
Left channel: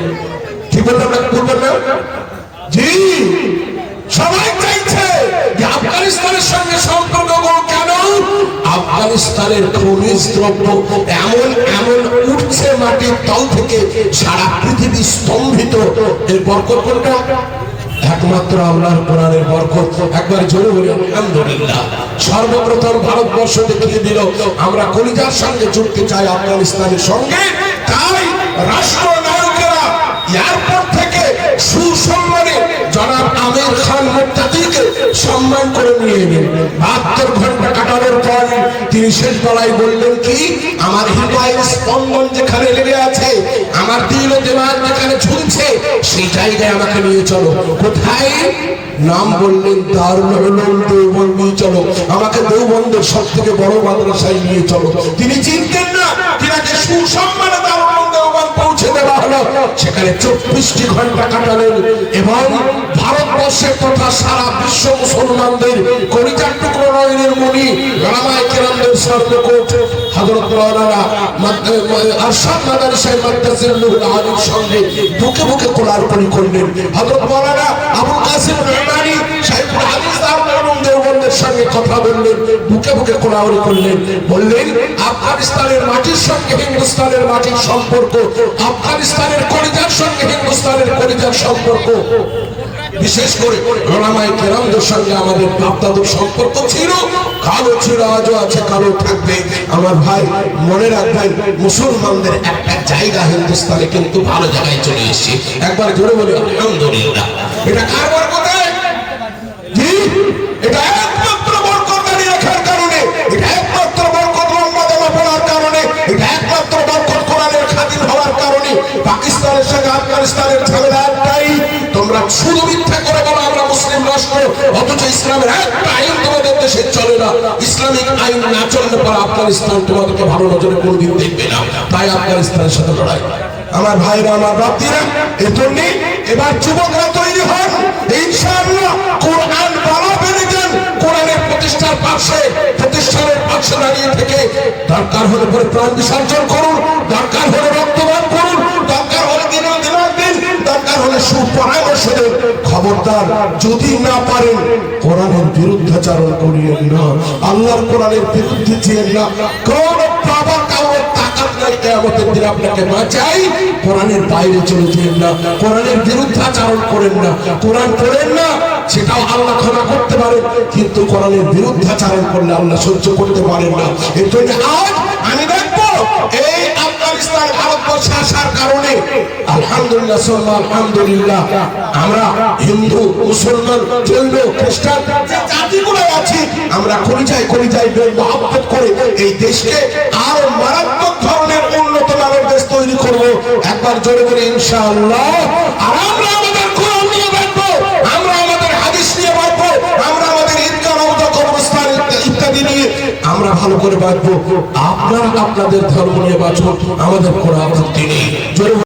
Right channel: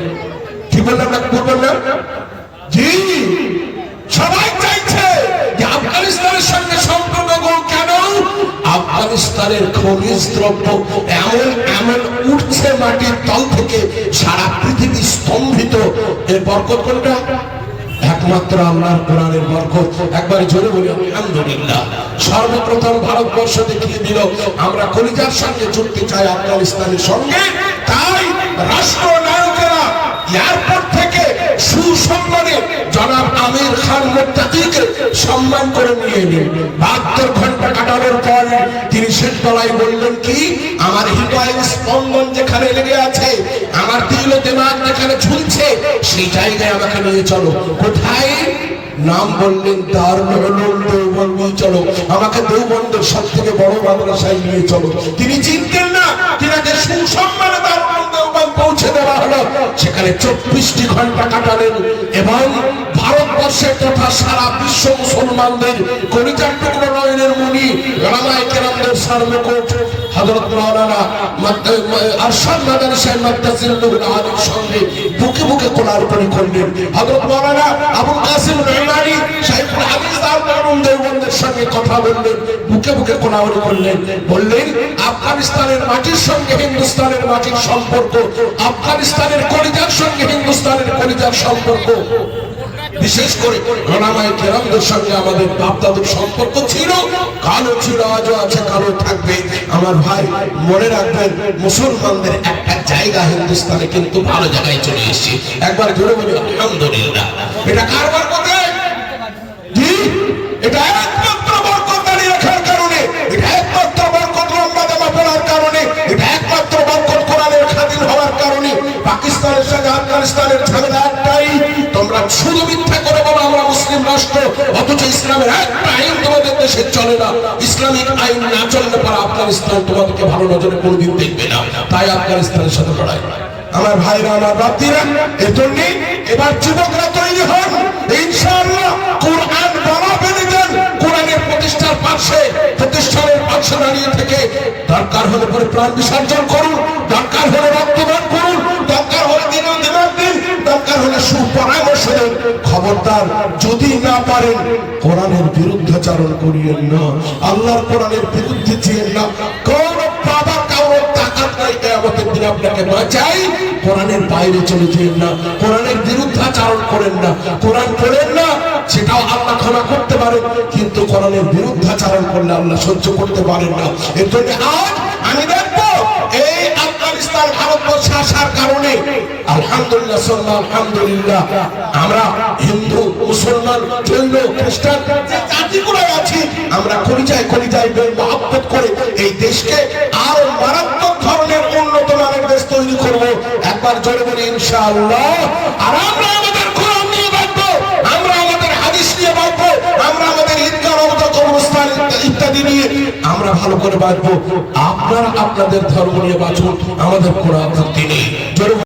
কি বললাম না? জি সবাই চাইছে যে আফগানিস্তানের সঙ্গে সম্পর্ক কেন? আফগানিস্তানের খনিজ দ্রব্য এমন এমন উঠছে মাটির তল থেকে, সারা পৃথিবী স্তম্ভিত। এর বরকত কোনটা? একমাত্র আল্লাহর কোরআনের বরকত। একবার জোরে বলি আলহামদুলিল্লাহ। সর্বপ্রথম ভারতবর্ষ দেখিয়ে দিল আমরা কলিজার সঙ্গে যুক্ত চাই আফগানিস্তানের সঙ্গে। তাই রাষ্ট্রনায়কেরা এয়ারপোর্ট থেকে সুসম্মানে জনাব আমির খান মুত্তাকিকে সম্মান করে নিয়ে এলেন। 72 ঘন্টা কাটানোর পর তিনি শেষ বেলায় বললেন কি, আমার হৃদয়ের স্পন্দন যেখানে লেগে আছে, আমার দিল ও দিমাগ যেখানে ঝুলছে, সেই জায়গায় আমাকে নিয়ে চলো। কোথায়? নাম বললেন দারুল উলুম দেওবন্দ। চলো আমাকে দেওবন্দের সব থেকে বড় মাদ্রাসায় নিয়ে চলো। তিনি চিনতেন না, তিনাকে সুসম্মানে দারুল উলুম দেওবন্দ পৌঁছে দেওয়া হলো। সেখানে 24টি ঘন্টা কাটালেন এবং ভারতবর্ষের তথা সারা বিশ্ব মুসলমানদের কলিজার টুকরো নয়নের মণি ওলামায়ে কেরামদের সর্বকোট হযরত মাওলানা আরশাদ মাদানী সাহেব মুত্তাসিরুল আলীর সঙ্গে বুকে বুকে কোলাকুলি করলেন। হযরত মাওলানা আবুল কাসিম মেহমানি শাইখুল হাদিস আর মরহুম দেওবন্দের সঙ্গে কথা বললেন, বুকে বুকে কোলাকুলি করলেন। বললেন আফগানিস্তানের মাটির সঙ্গে হিন্দুস্তানের মাটির সম্পর্ক, আফগানিস্তানের কলিজার সঙ্গে হিন্দুস্তানের কলিজার সম্পর্ক, বিশেষ করে ওলামায়ে কেরামদের সঙ্গে আমাদের বাপ-দাদুর সম্পর্ক ছিল, কালো ছিল, আজও আছে, কালো থাকবে। আমার ভাই মনে রাখবেন, মুসলমানদের একটা জায়গা হিন্দুস্তানে কিন্তু ভালো জায়গায় চলে এসেছে। একবার জোরে বলি আলহামদুলিল্লাহ। এটা কার বরকতে? জি, এটা একমাত্র বরকত আলী রাখার কারণে, এটা একমাত্র বরকত লম্বা জামা পড়ার কারণে, এটা একমাত্র বরকত কোরআনের খাদিম হওয়ার কারণে। পাকিস্তানের সঙ্গে আফগানিস্তানের ঝামেলা একটাই, তোমরা শুধু মিথ্যা করে বলো আমরা মুসলিম রাষ্ট্র, অথচ ইসলামের একটা আইন তোমাদের দেশে চলে না। ইসলামিক আইন না চললে পরে আফগানিস্তান তোমাদেরকে ভালো নজরে কোনদিন দেখবে না। তাই আফগানিস্তানের সাথে লড়াই। আমার ভাইরা, আমার বাপ্তিরা, এর জন্য এবার যুবকরা তৈরি হন, ইনশাআল্লাহ কোরআন বলা বেঁধে দেন, কোরআনের প্রতিষ্ঠার পাশে, প্রতিষ্ঠানের পাশে দাঁড়িয়ে থেকে দরকার হলে পরে প্রাণ বিসর্জন করুন, দরকার হলে রক্তদান করুন, দরকার হলে দিনের দিন, দরকার হলে সুপরামর্শ দেন। খবরদার যদি না পারেন কোরআনের বিরুদ্ধাচারণ করিয়েন না, আল্লাহর কোরআনের বিরুদ্ধে ছিলেন না। কোন বাবা কাউর তাকাত নাই কিয়ামতের দিন আপনাকে বাঁচাই, কোরআনের বাইরে চলে যেন না, কোরআনের বিরুদ্ধাচারণ করেন না, কোরআন পড়েন না, সেটাও আল্লাহ ক্ষমা করতে পারেন, কিন্তু কোরআনের বিরুদ্ধাচারণ করলে আল্লাহ সহ্য করতে পারেন না। এর জন্য আজ আমি দেখবো এই আফগানিস্তান ভারতবর্ষে আসার কারণে আলহামদুলিল্লাহ আলহামদুলিল্লাহ আমরা হিন্দু, মুসলমান, জৈন, খ্রিস্টান জাতিগুলো আছি, আমরা কলিজায় কলিজায় মহব্বত করে এই দেশকে আরো মারাত্মক ধরনের উন্নত মানের দেশ তৈরি করবো। একবার জোরে করে ইনশাআল্লাহ। আর আমরা আমাদের কোরআন নিয়ে বাঁচবো, আমরা আমাদের হাদিস নিয়ে বাঁচবো, আমরা আমাদের ঈদগাহ, রওজা, কবরস্থান ইত্যাদি নিয়ে আমরা ভালো করে বাঁচবো। আপনারা আপনাদের ধর্ম নিয়ে বাঁচুন, আমাদের কোরআন ভক্তি নেই।